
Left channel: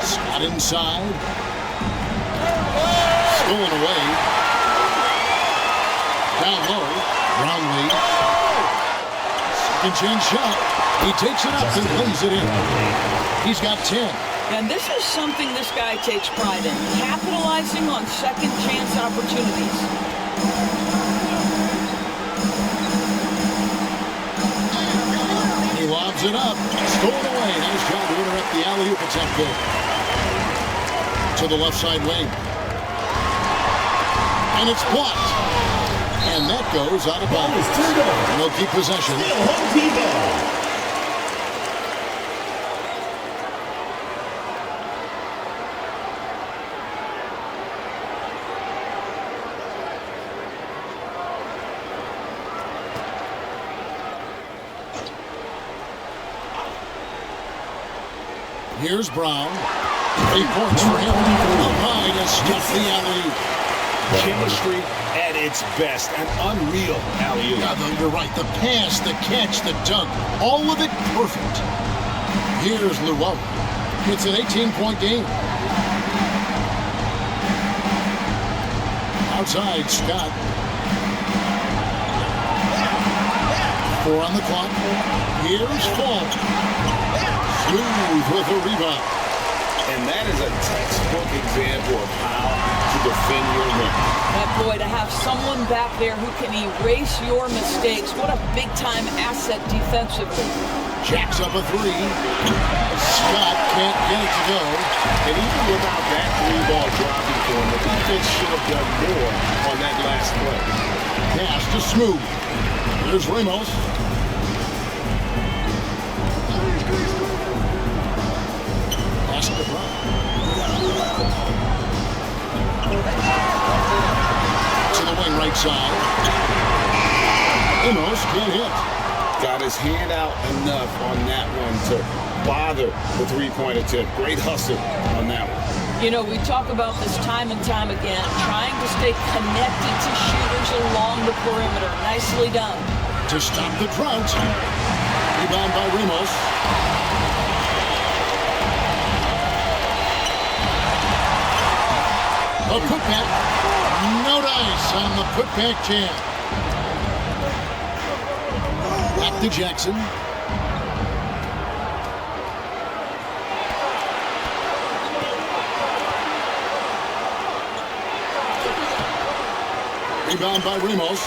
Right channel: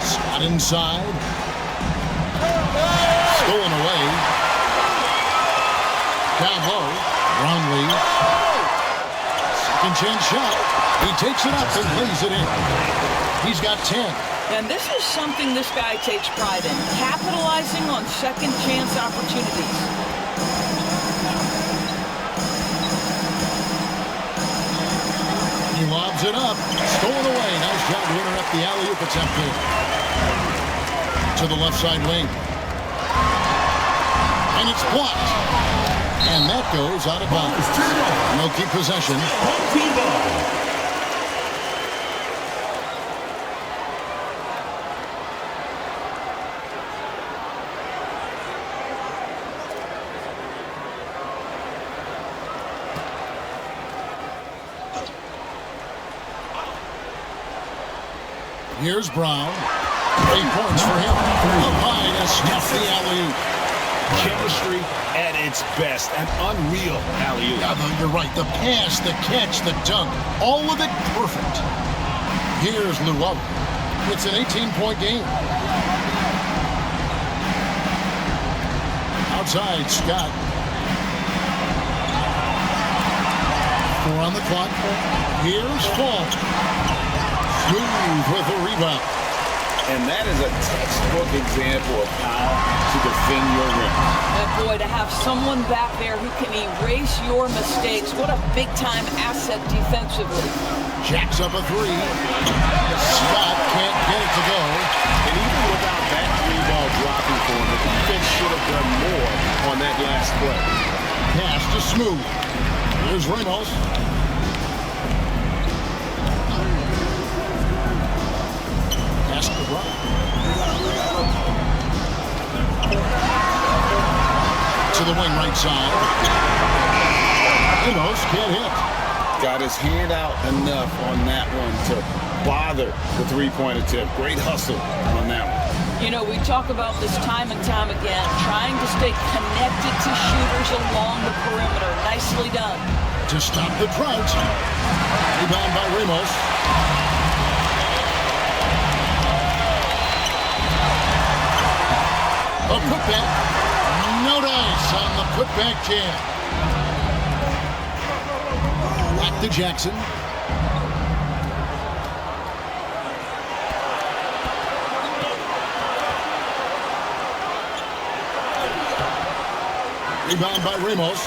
Scott inside. Stolen away. Down low. Brownlee. Second chance shot. He takes it up and lays it in. He's got 10. And this is something this guy takes pride in. Capitalizing on second chance opportunities. He lobs it up. Stolen away. Nice job to interrupt the alley-oop attempt there. To the left side wing. And it's blocked. And that goes out of bounds. They'll keep possession. Here's Brown. 8 points for him. Up high to stuff the alley-oop. Chemistry at its best. An unreal alley-oop. Yeah, you're right. The pass, the catch, the dunk. All of it perfect. Here's Llewellyn. It's an 18-point game. Outside, Scott. 4 on the clock. Here's Fall. Smooth with a rebound. And that is a textbook example of how to defend your rim. Boy, to have someone back there who can erase your mistakes, what a big-time asset defensively. Jacks up a 3. Scott can't get it to go. And even without that 3-ball dropping for him, the defense should have done more on that last play. Pass to Smooth. Here's Ramos. Pass to Brown. To the wing right side. Ramos can't hit. Got his hand out enough on that one to bother the three-point attempt. Great hustle on that one. You know, we talk about this time and time again, trying to stay connected to shooters along the perimeter. Nicely done. To stop the drought. Rebound by Ramos. A putback. No dice on the putback jam. Back to Jackson. Rebound by Ramos.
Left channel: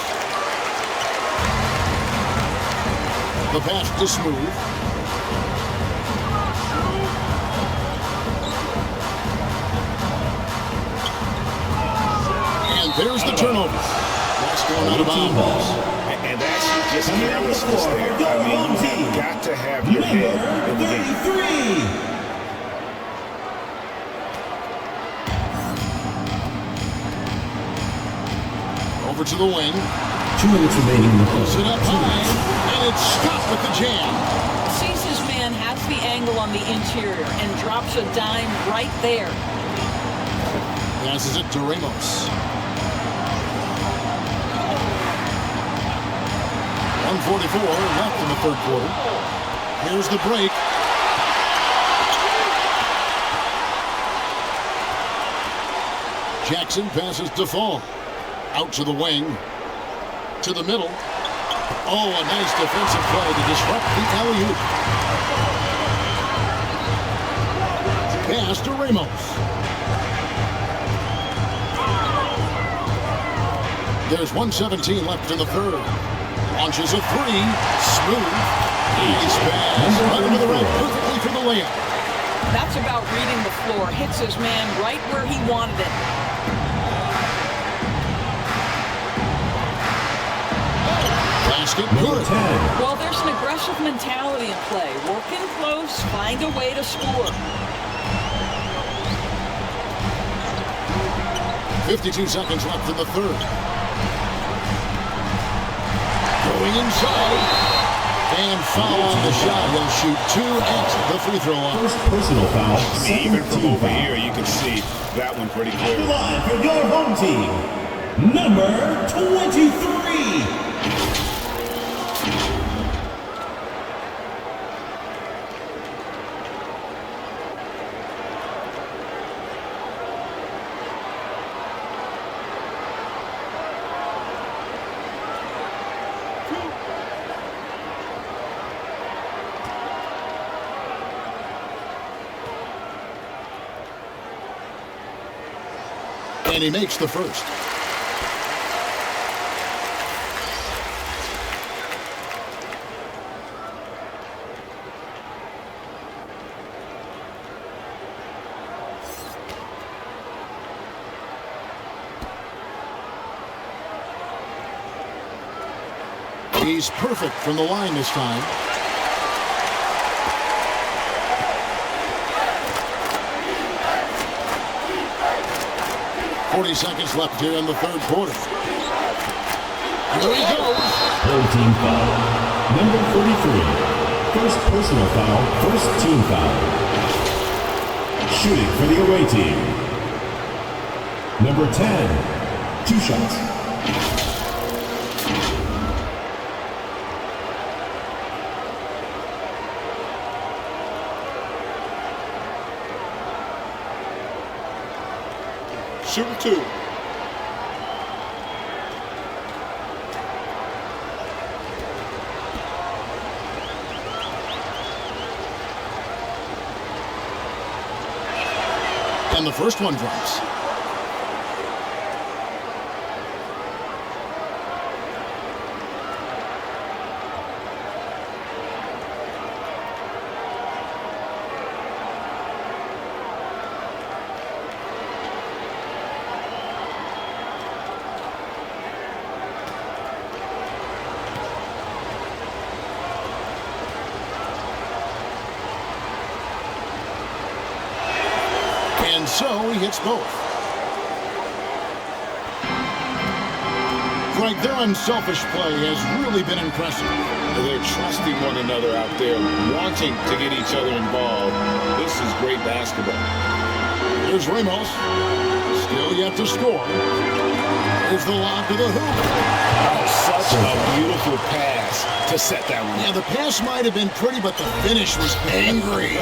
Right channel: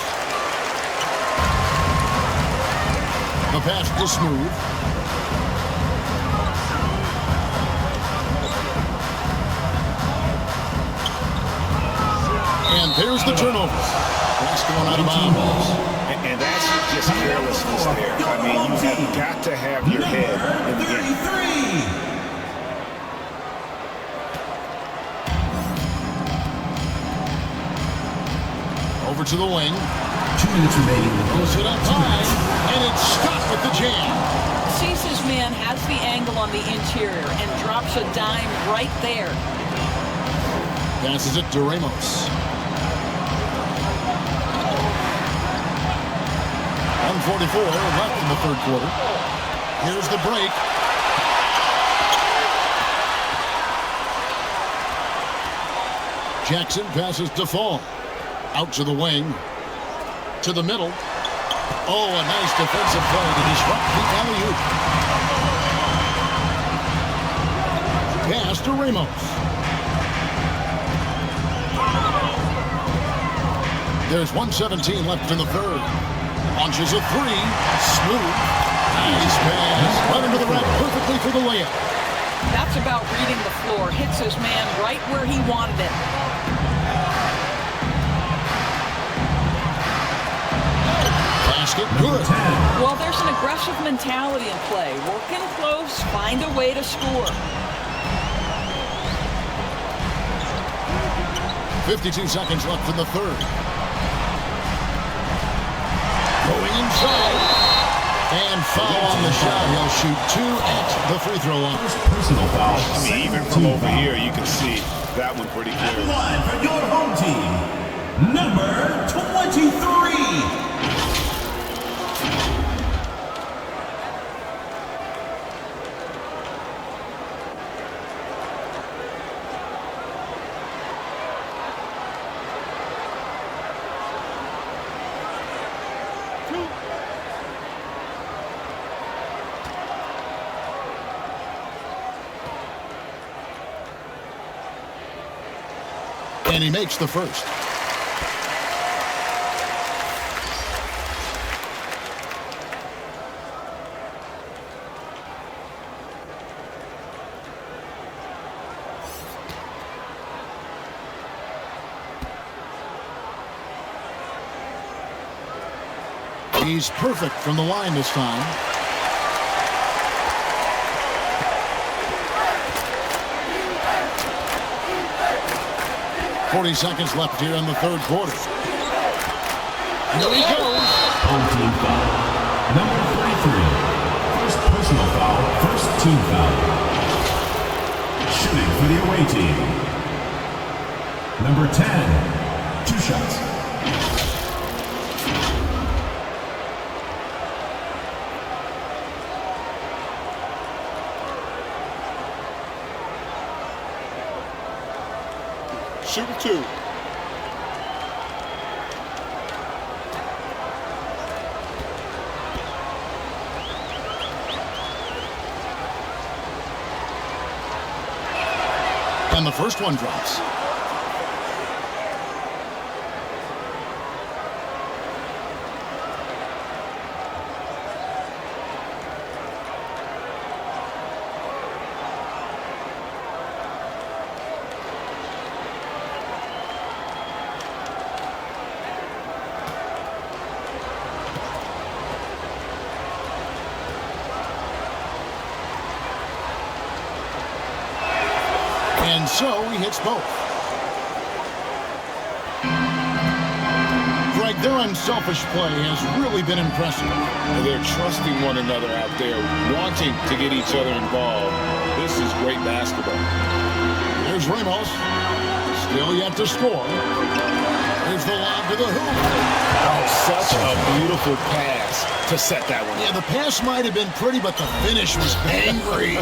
The pass to Smooth. And there's the turnover. That's going out of bounds. And that's just carelessness there. I mean, you have got to have your head in the game. Over to the wing. 2 minutes remaining. Throws it up high, and it's Scott with the jam. Sees his man, has the angle on the interior, and drops a dime right there. Passes it to Ramos. 1:44 left in the third quarter. Here's the break. Jackson passes to Fall. Out to the wing. To the middle. Oh, a nice defensive play to disrupt the alley-oop. Pass to Ramos. There's 1:17 left in the third. Launches a three. Smooth. Nice pass. Right under the rack perfectly for the layup. That's about reading the floor. Hits his man right where he wanted it. Basket good. Well, there's an aggressive mentality in play. Working close, find a way to score. 52 seconds left in the third. Going inside. And foul on the shot. He'll shoot 2 at the free throw line. First personal foul. I mean, even from over here, you can see that one pretty clearly. Line for your home team, number 23. And he makes the first. He's perfect from the line this time. .40 seconds left here in the third quarter. Here he goes. Home team foul. Number 33. First personal foul, first team foul. Shooting for the away team, number 10. 2 shots. Shooting 2. And the first one drops. And so he hits both. Greg, their unselfish play has really been impressive. They're trusting one another out there, wanting to get each other involved. This is great basketball. Here's Ramos. Still yet to score. There's the lob to the hoop. Oh, such a beautiful pass to set that one up. Yeah, the pass might have been pretty, but the finish was angry.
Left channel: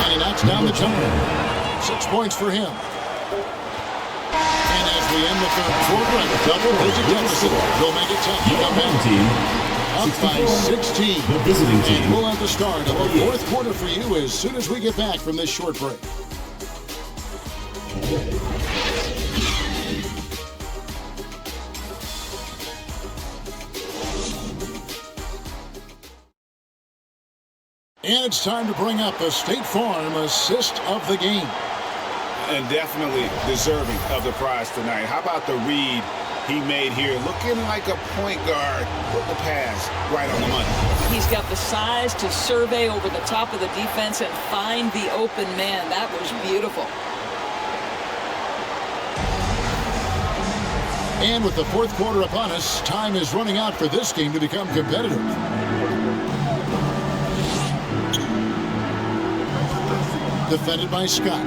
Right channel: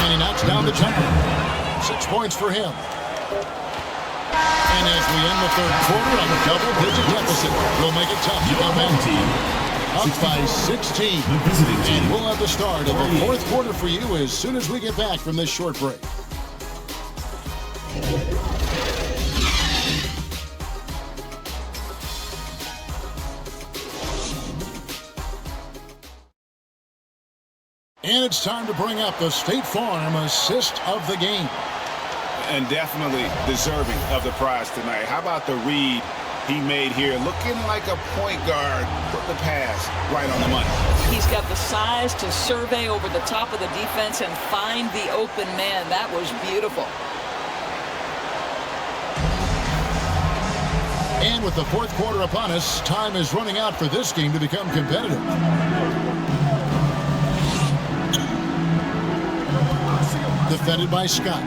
And he knocks down the jumper. 6 points for him. And as we end the third quarter, a double-digit deficit will make it tough to come back. Team, Up by 16. the visiting team. And we'll have the start of the fourth quarter for you as soon as we get back from this short break. And it's time to bring up the State Farm assist of the game. And definitely deserving of the prize tonight. How about the read he made here? Looking like a point guard. Put the pass right on the money. He's got the size to survey over the top of the defense and find the open man. That was beautiful. And with the fourth quarter upon us, time is running out for this game to become competitive. Defended by Scott.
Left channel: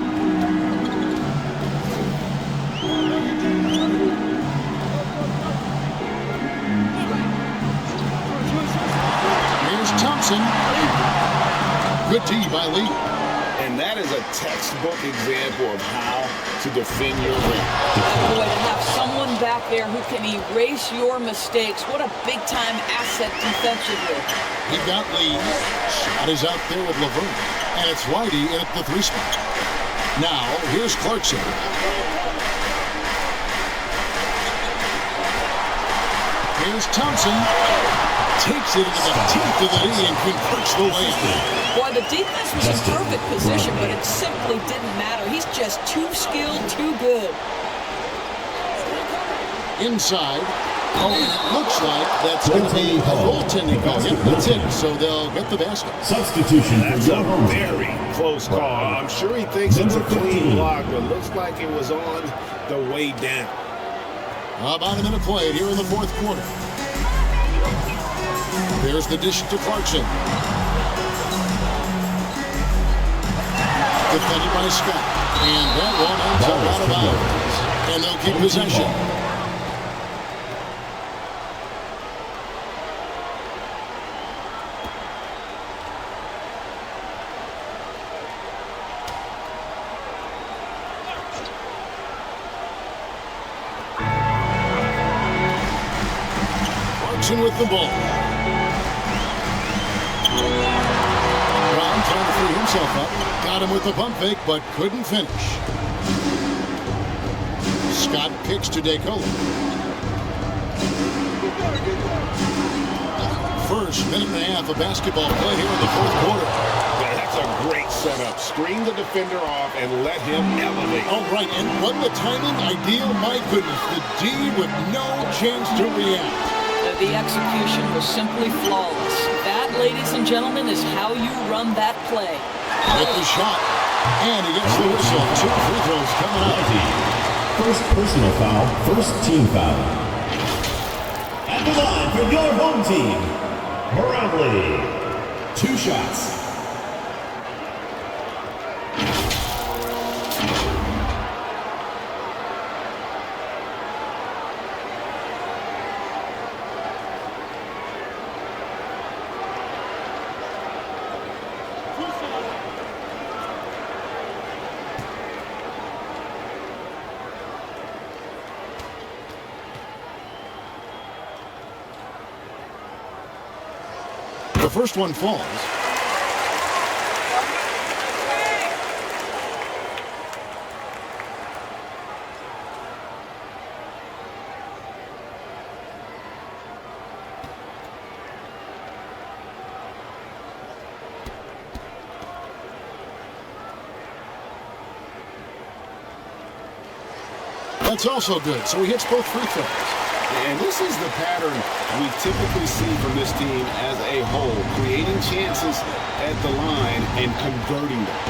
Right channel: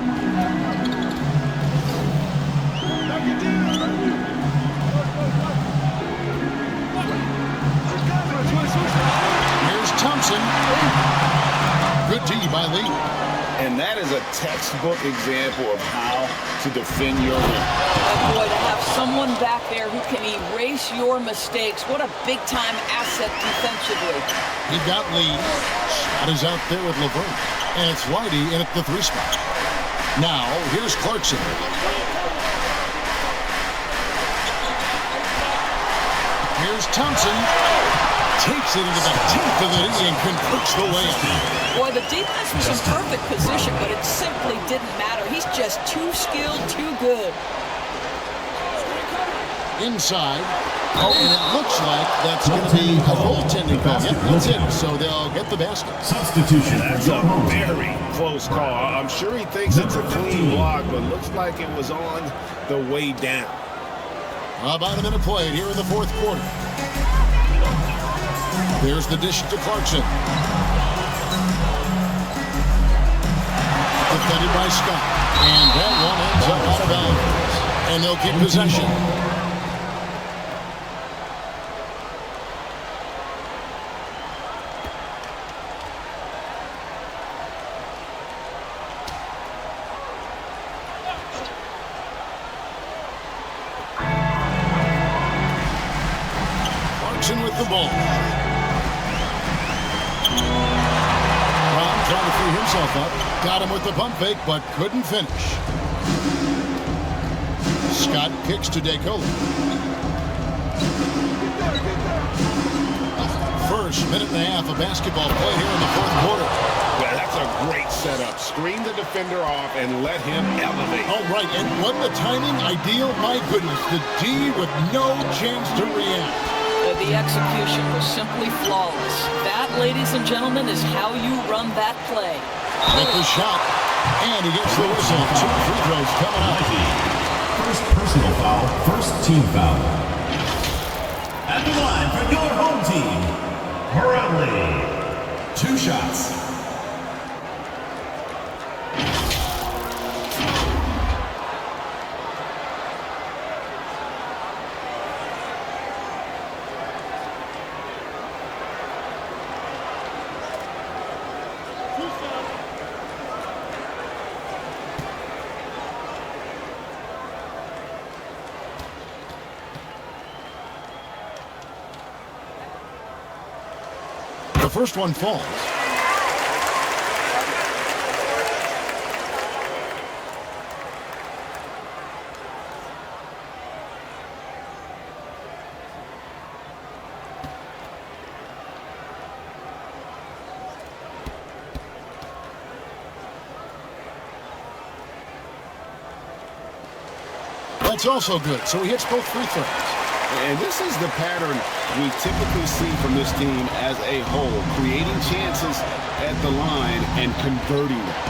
Here's Thompson. Good D by Lee. And that is a textbook example of how to defend your rim. And boy, to have someone back there who can erase your mistakes, what a big-time asset defensively. He got Lee. Shot is out there with Laverne. And it's Whitey in at the 3 spot. Now, here's Clarkson. Here's Thompson. Takes it into the teeth of the D and converts the layup. Boy, the defense was in perfect position, but it simply didn't matter. He's just too skilled, too good. Inside. Oh, and it looks like that's going to be a goaltending call. Yep, that's it. So they'll get the basket. Substitution. That's a very close call. I'm sure he thinks it's a clean block, but looks like it was on the way down. About a minute played here in the fourth quarter. There's the dish to Clarkson. Defended by Scott. And that one ends up out of bounds. And they'll keep possession. With the ball. Brown trying to free himself up. Got him with the pump fake, but couldn't finish. Scott kicks to DeCola. First minute and a half of basketball play here in the fourth quarter. Yeah, that's a great setup. Screen the defender off and let him elevate. All right, and wasn't the timing ideal? My goodness, the D with no chance to react. The execution was simply flawless. That, ladies and gentlemen, is how you run that play. With the shot, and he gets the whistle. 2 free throws coming up. First personal foul, first team foul. At the line for your home team, Barangay. 2 shots. The first one falls. That's also good. So he hits both free throws. And this is the pattern we typically see from this team as a whole, creating chances at the line and converting them.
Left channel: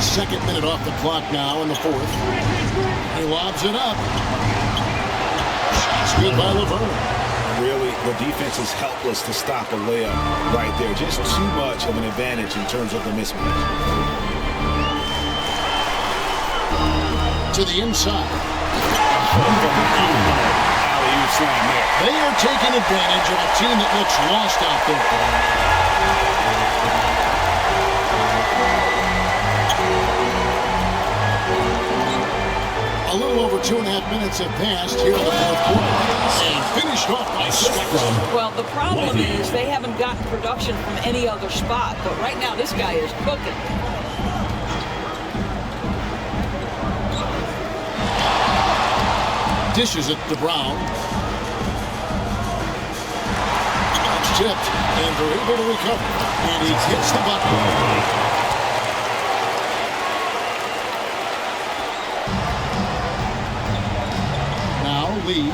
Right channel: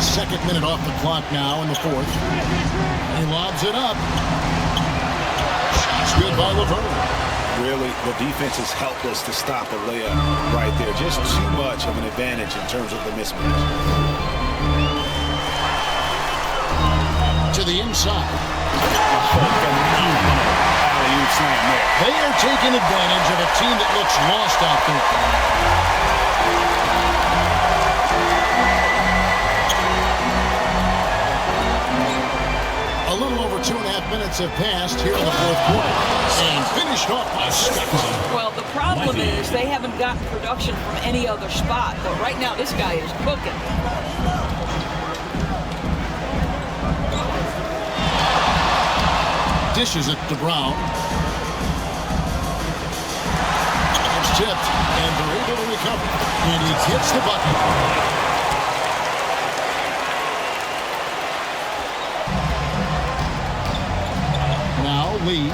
Second minute off the clock now in the fourth. He lobs it up. Shot's good by Laverne. Really, the defense is helpless to stop a layup right there. Just too much of an advantage in terms of the mismatch. To the inside. Phenomenal alley-oop slam there. They are taking advantage of a team that looks lost out there. A little over 2.5 minutes have passed here in the fourth quarter. And finished off by Scott. Well, the problem is they haven't gotten production from any other spot. But right now, this guy is cooking. Dishes it to Brown. That's tipped, and they're able to recover. And he hits the bucket. Now Lee.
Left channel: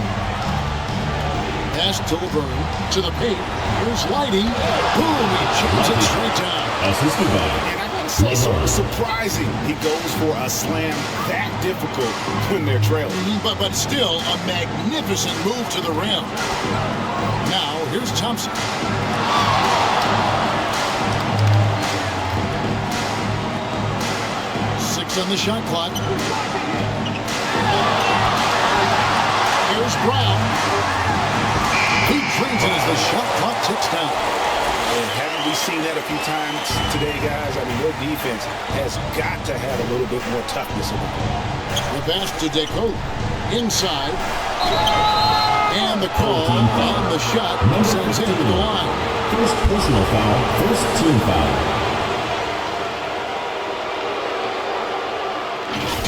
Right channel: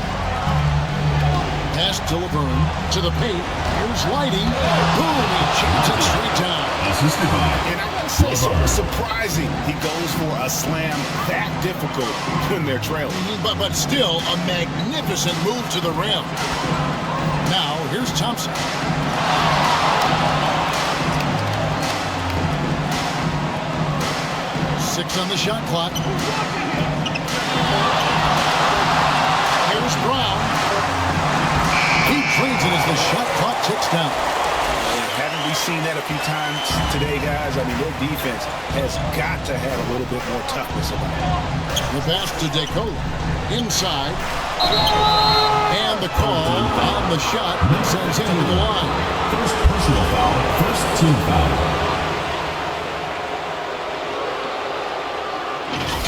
Pass to Laverne. To the paint. Here's Lighty. Boom! He jams it straight down. Assisted by. And I gotta say, sort of surprising he goes for a slam that difficult when they're trailing. But still a magnificent move to the rim. Now here's Thompson. Six on the shot clock. Here's Brown. He drains it as the shot clock ticks down. And haven't we seen that a few times today, guys? I mean, their defense has got to have a little bit more toughness about it. The pass to DeCola. Inside. And the call on the shot sends him to the line. First personal foul, first team foul.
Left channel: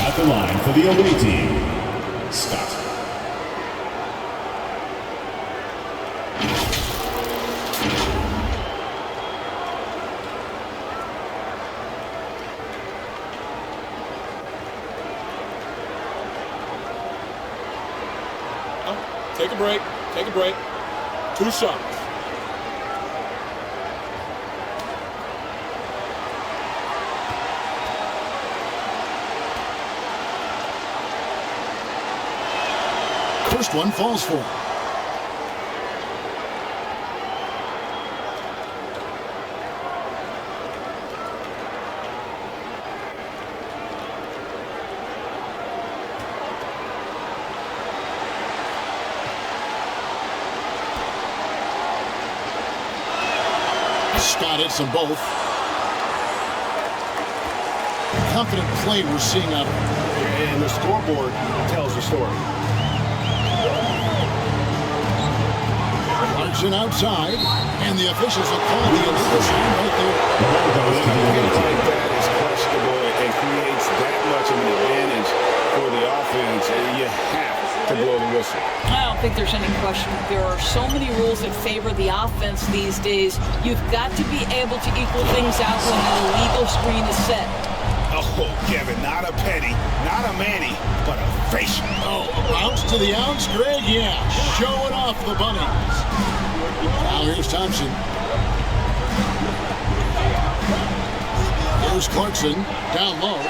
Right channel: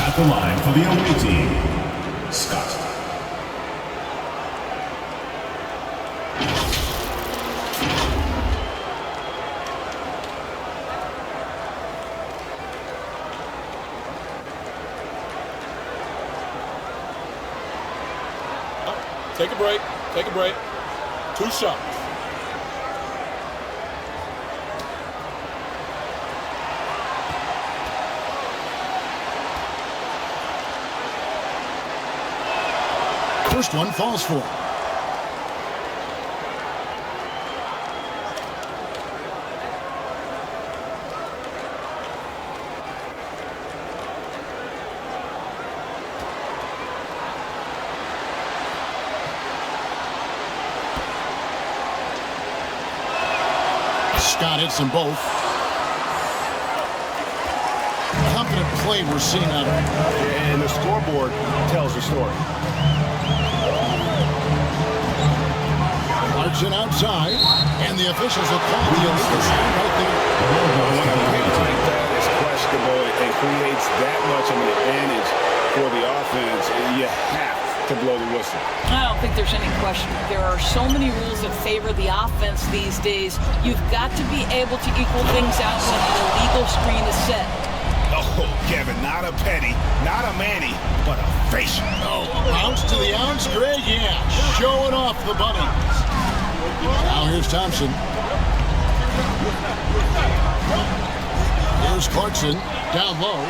At the line for the away team, Scott. Take a break. Take a break. 2 shots. First one falls for him. Scott hits them both. Confident play we're seeing out of him. And the scoreboard tells the story. Clarkson outside, and the officials will call the illegal sign right there. When a hit like that is questionable and creates that much of an advantage for the offense, you have to blow the whistle. I don't think there's any question. There are so many rules that favor the offense these days. You've got to be able to equal things out when an illegal screen is set. Oh, Kevin, not a penny, not a Manny, but a facial. Oh, a bounce to the ounce, Greg? Yeah, showing off the bunnies. Now here's Thompson. Here's Clarkson, down low.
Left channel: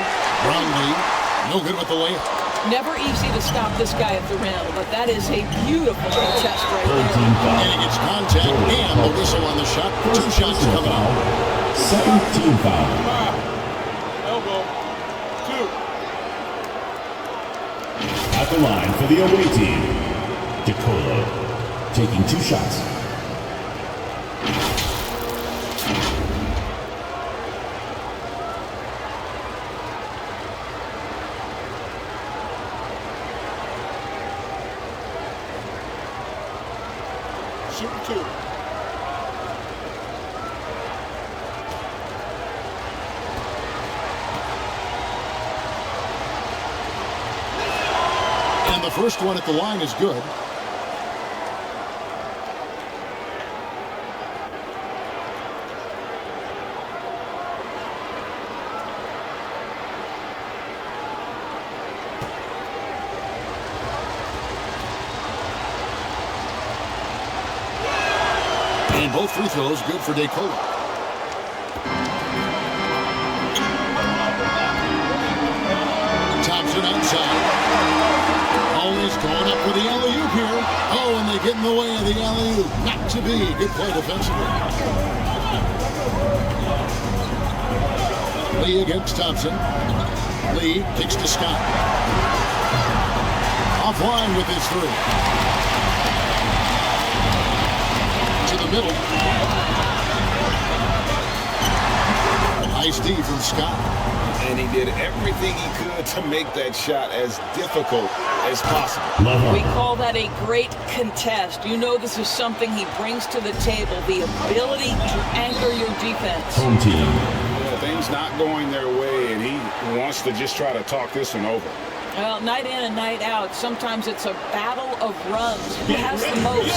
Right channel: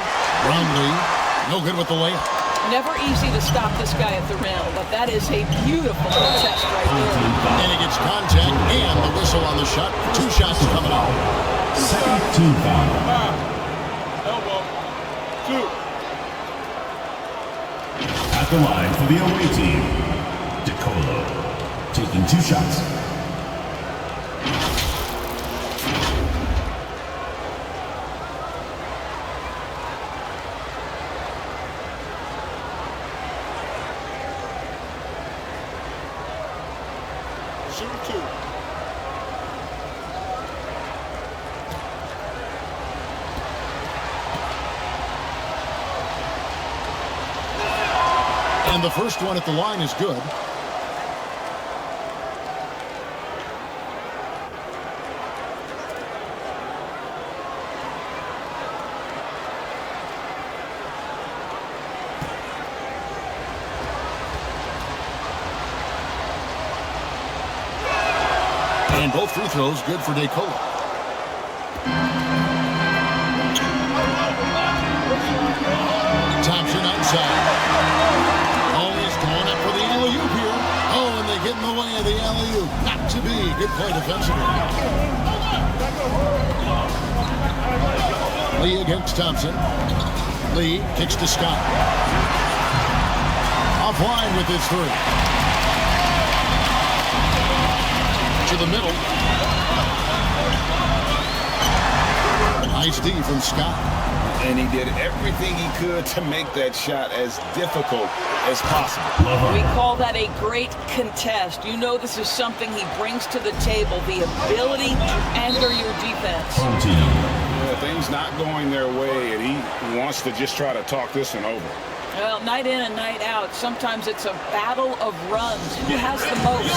Brownlee, no good with the layup. Never easy to stop this guy at the rim, but that is a beautiful protest right there. And he gets contact and the whistle on the shot. 2 shots coming out. Second team foul. Elbow. 2. At the line for the away team, DeColo, taking 2 shots. Shooting 2. And the first one at the line is good. And both free throws good for DeColo. Thompson outside. Always going up for the alley-oop here. Oh, and they get in the way of the alley-oop. Not to be. Good play defensively. Lee against Thompson. Lee kicks to Scott. Offline with his 3. To the middle. Nice D from Scott. And he did everything he could to make that shot as difficult as possible. We call that a great contest. You know this is something he brings to the table, the ability to anchor your defense. Home team. Yeah, things not going their way, and he wants to just try to talk this one over. Well, night in and night out, sometimes it's a battle of runs. Who has the most?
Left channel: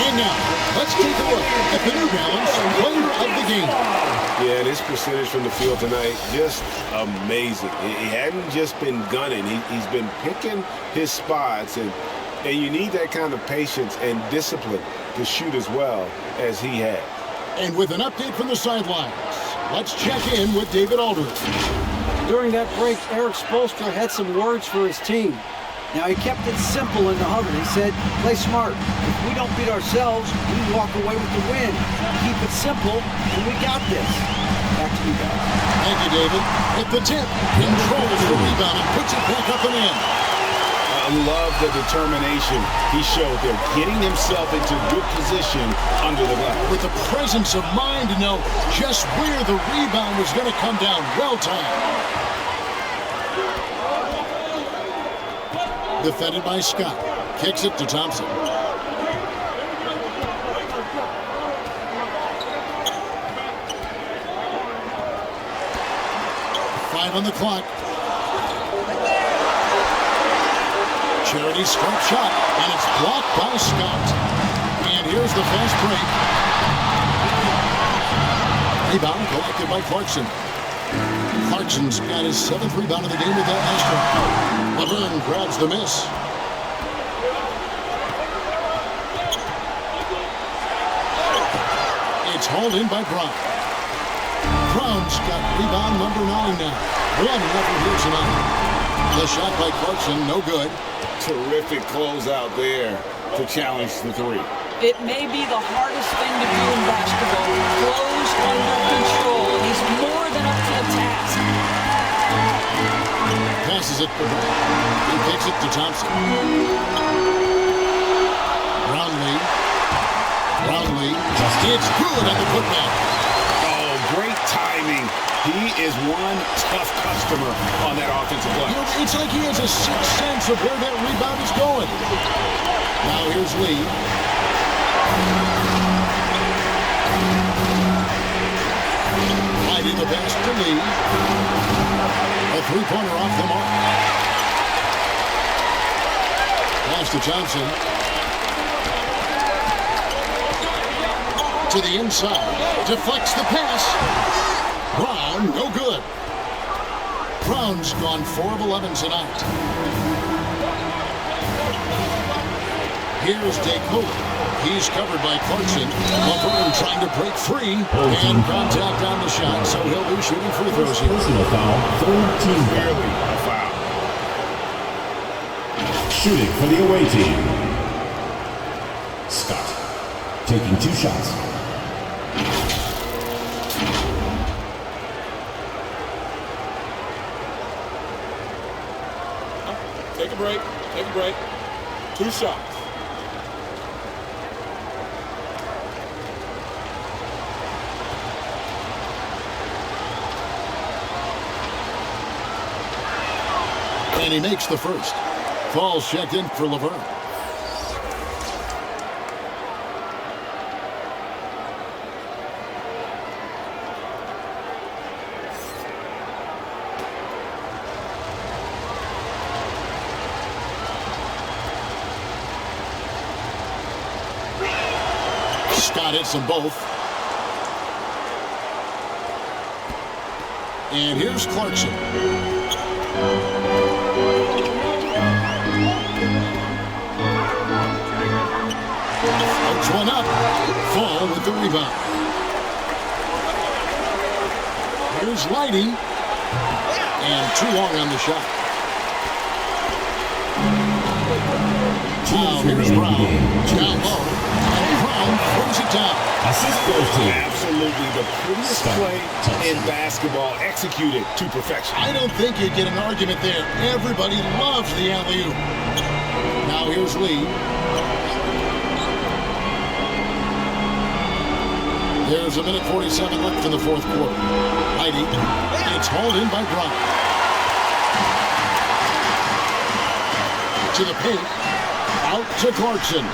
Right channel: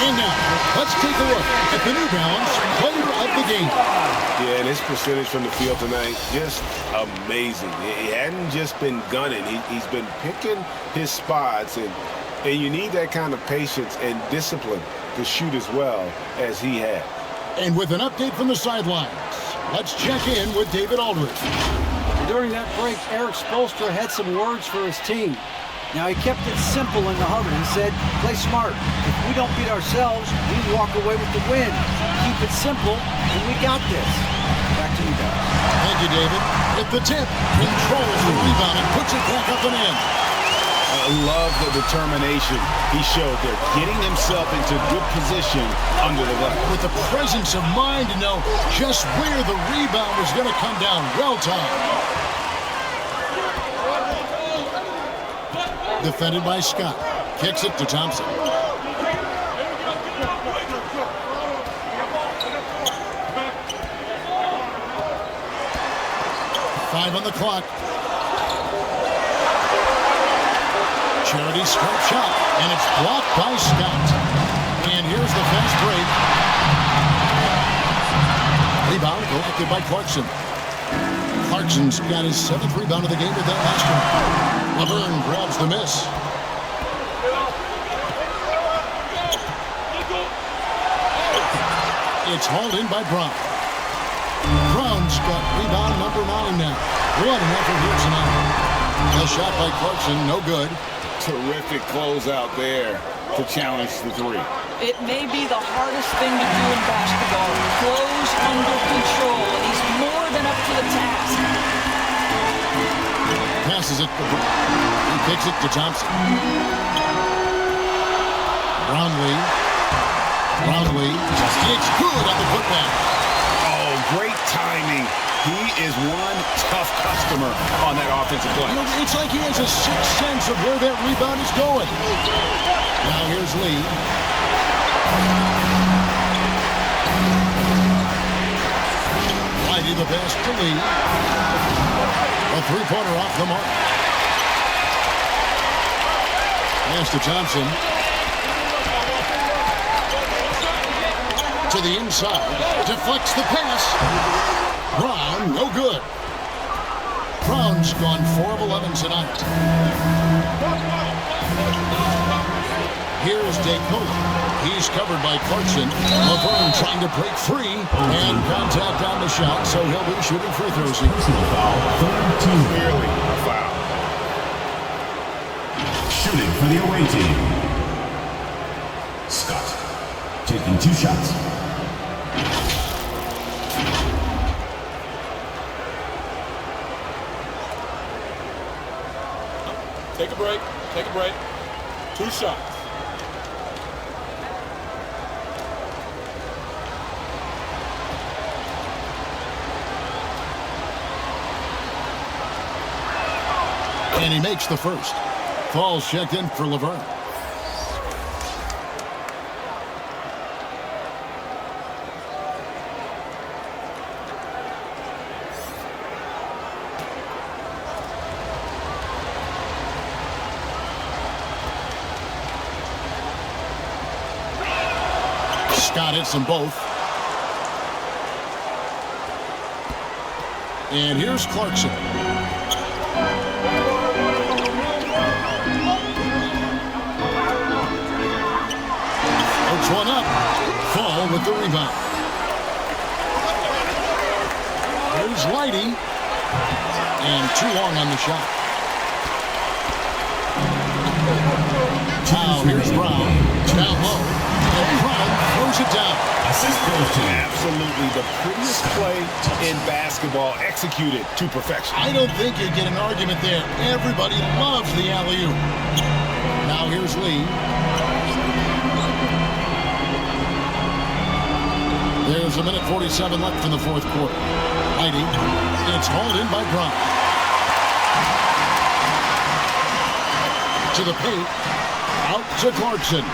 And now, let's take a look at the New Balance Player of the Game. Yeah, and his percentage from the field tonight, just amazing. He hadn't just been gunning. He's been picking his spots, and you need that kind of patience and discipline to shoot as well as he had. And with an update from the sidelines, let's check in with David Aldridge. During that break, Eric Spoelstra had some words for his team. Now, he kept it simple in the huddle. He said, play smart. If we don't beat ourselves, we walk away with the win. Keep it simple, and we got this. Back to you guys. Thank you, David. At the tip, controls the rebound and puts it back up and in. I love the determination he showed there, getting himself into good position under the glass. With the presence of mind to know just where the rebound was going to come down. Well timed. Defended by Scott. Kicks it to Thompson. Five on the clock. Charity stripe shot, and it's blocked by Scott. And here's the fast break. Rebound collected by Clarkson. Clarkson's got his 7th rebound of the game with that last one. Laverne grabs the miss. It's hauled in by Brown. Brown's got rebound number 9 now. What an effort here tonight. The shot by Clarkson, no good. Terrific closeout there to challenge the three. It may be the hardest thing to do in basketball. Close under control, and he's more than up to the task. Passes it to Brown. He kicks it to Thompson. Brownlee. It's good on the putback. Oh, great timing. He is one tough customer on that offensive glass. You know, it's like he has a sixth sense of where that rebound is going. Now here's Lee. Whitey the pass to Lee. A three-pointer off the mark. Pass to Thompson. To the inside. Deflects the pass. Brown, no good. Brown's gone 4 of 11 tonight. Here's DeCola. He's covered by Clarkson. Laverne trying to break free. And contact on the shot, so he'll be shooting free throws here. Personal foul, 3rd team. Clearly a foul. Shooting for the away team. Scott taking 2 shots. Take a break. Take a break. 2 shots. And he makes the first. Falls checked in for Laverne. Scott hits them both. And here's Clarkson. Floats one up. Fall with the rebound. Here's Leidy. And too long on the shot. Now here's Brown. Down low. And Brown throws it down. Assist goes to absolutely the prettiest play in basketball, executed to perfection. I don't think you get an argument there. Everybody loves the alley-oop. Now here's Lee. There's a minute 47 left in the fourth quarter. Leidy. It's hauled in by Brown. To the paint. Out to Clarkson.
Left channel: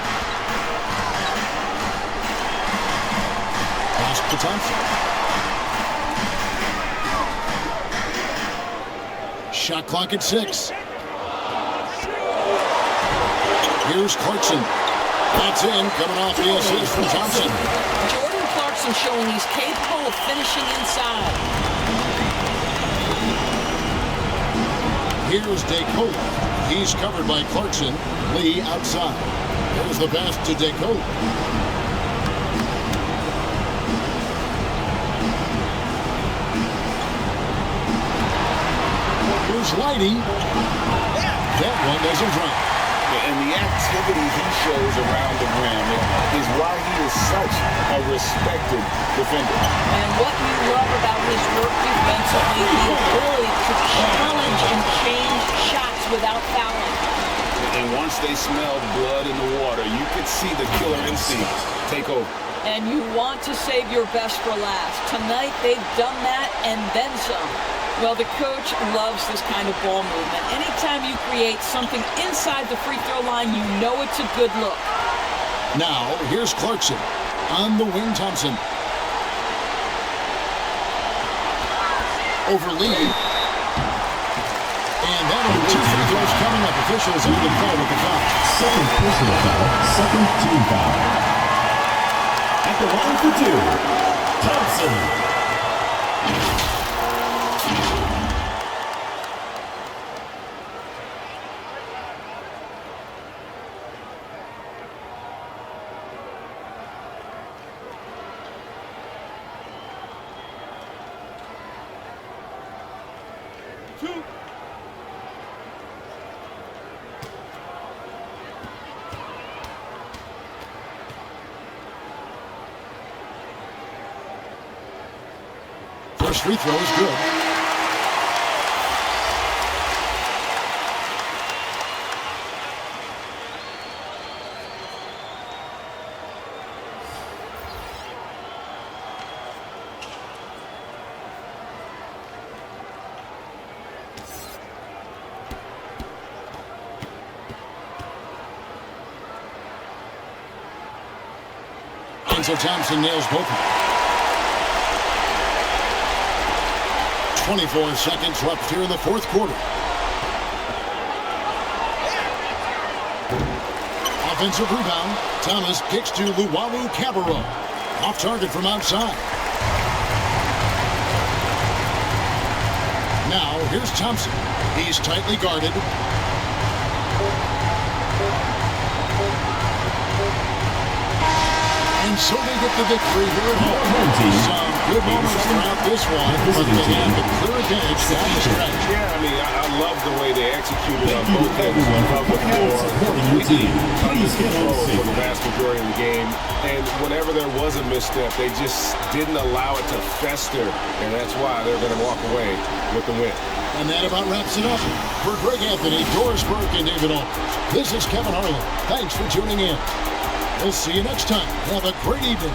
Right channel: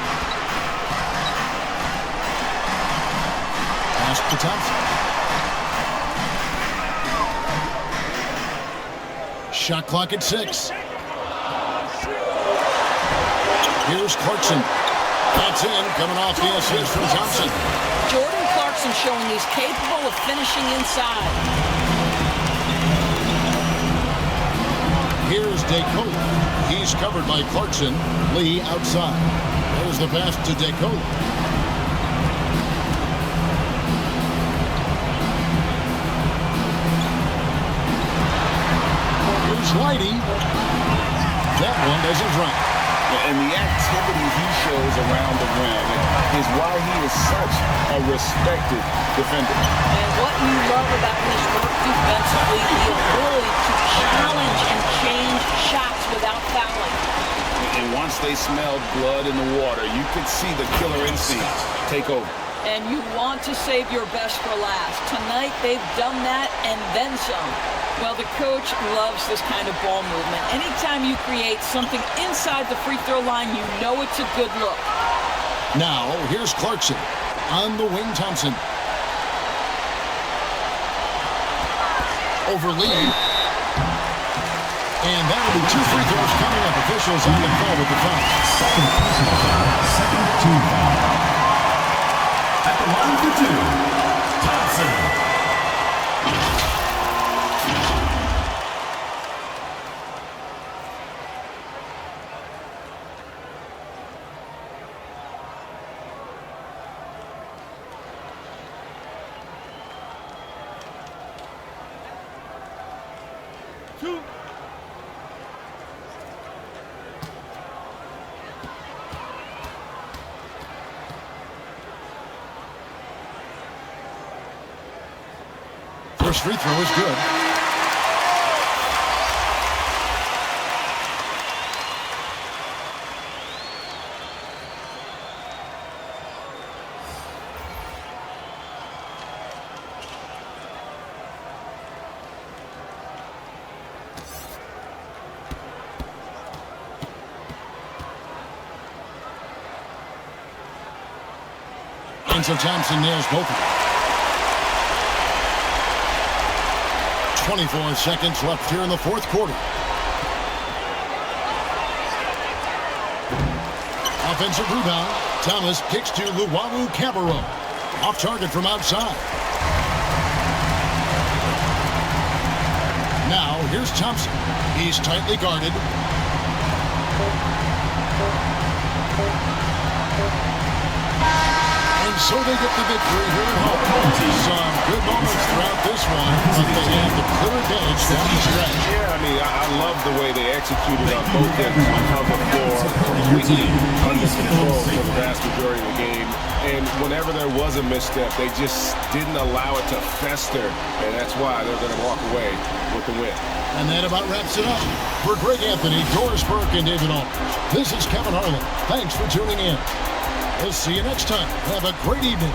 Pass to Thompson. Shot clock at 6. Here's Clarkson. That's in, coming off the assist from Thompson. Jordan Clarkson showing he's capable of finishing inside. Here's DeCola. He's covered by Clarkson. Lee outside. There's the pass to DeCola. Here's Leidy. That one doesn't drop. And the activity he shows around the rim is why he is such a respected defender. And what you love about his work defensively, the ability to challenge and change shots without fouling. And once they smelled blood in the water, you could see the killer instinct take over. And you want to save your best for last. Tonight, they've done that and then some. Well, the coach loves this kind of ball movement. Anytime you create something inside the free throw line, you know it's a good look. Now, here's Clarkson. On the wing, Thompson. Over Lee. And that'll be 2 free throws coming up. Officials on the call with the foul. Second personal foul, second team foul. At the line for 2, Thompson. First free throw is good. And so Thompson nails both of them. 24 seconds left here in the fourth quarter. Offensive rebound. Thomas kicks to Luwawu Cabarro. Off target from outside. Now here's Thompson. He's tightly guarded. And so they get the victory here at home. Some good moments throughout this one, but they had the clear advantage down the stretch. Yeah, I mean, I love the way they executed on both ends of the floor. Completely under control for the vast majority of the game. And whenever there was a misstep, they just didn't allow it to fester. And that's why they're going to walk away with the win. And that about wraps it up. For Greg Anthony, Doris Burke, and David Aldridge, this is Kevin Harlan. Thanks for tuning in. We'll see you next time. Have a great evening.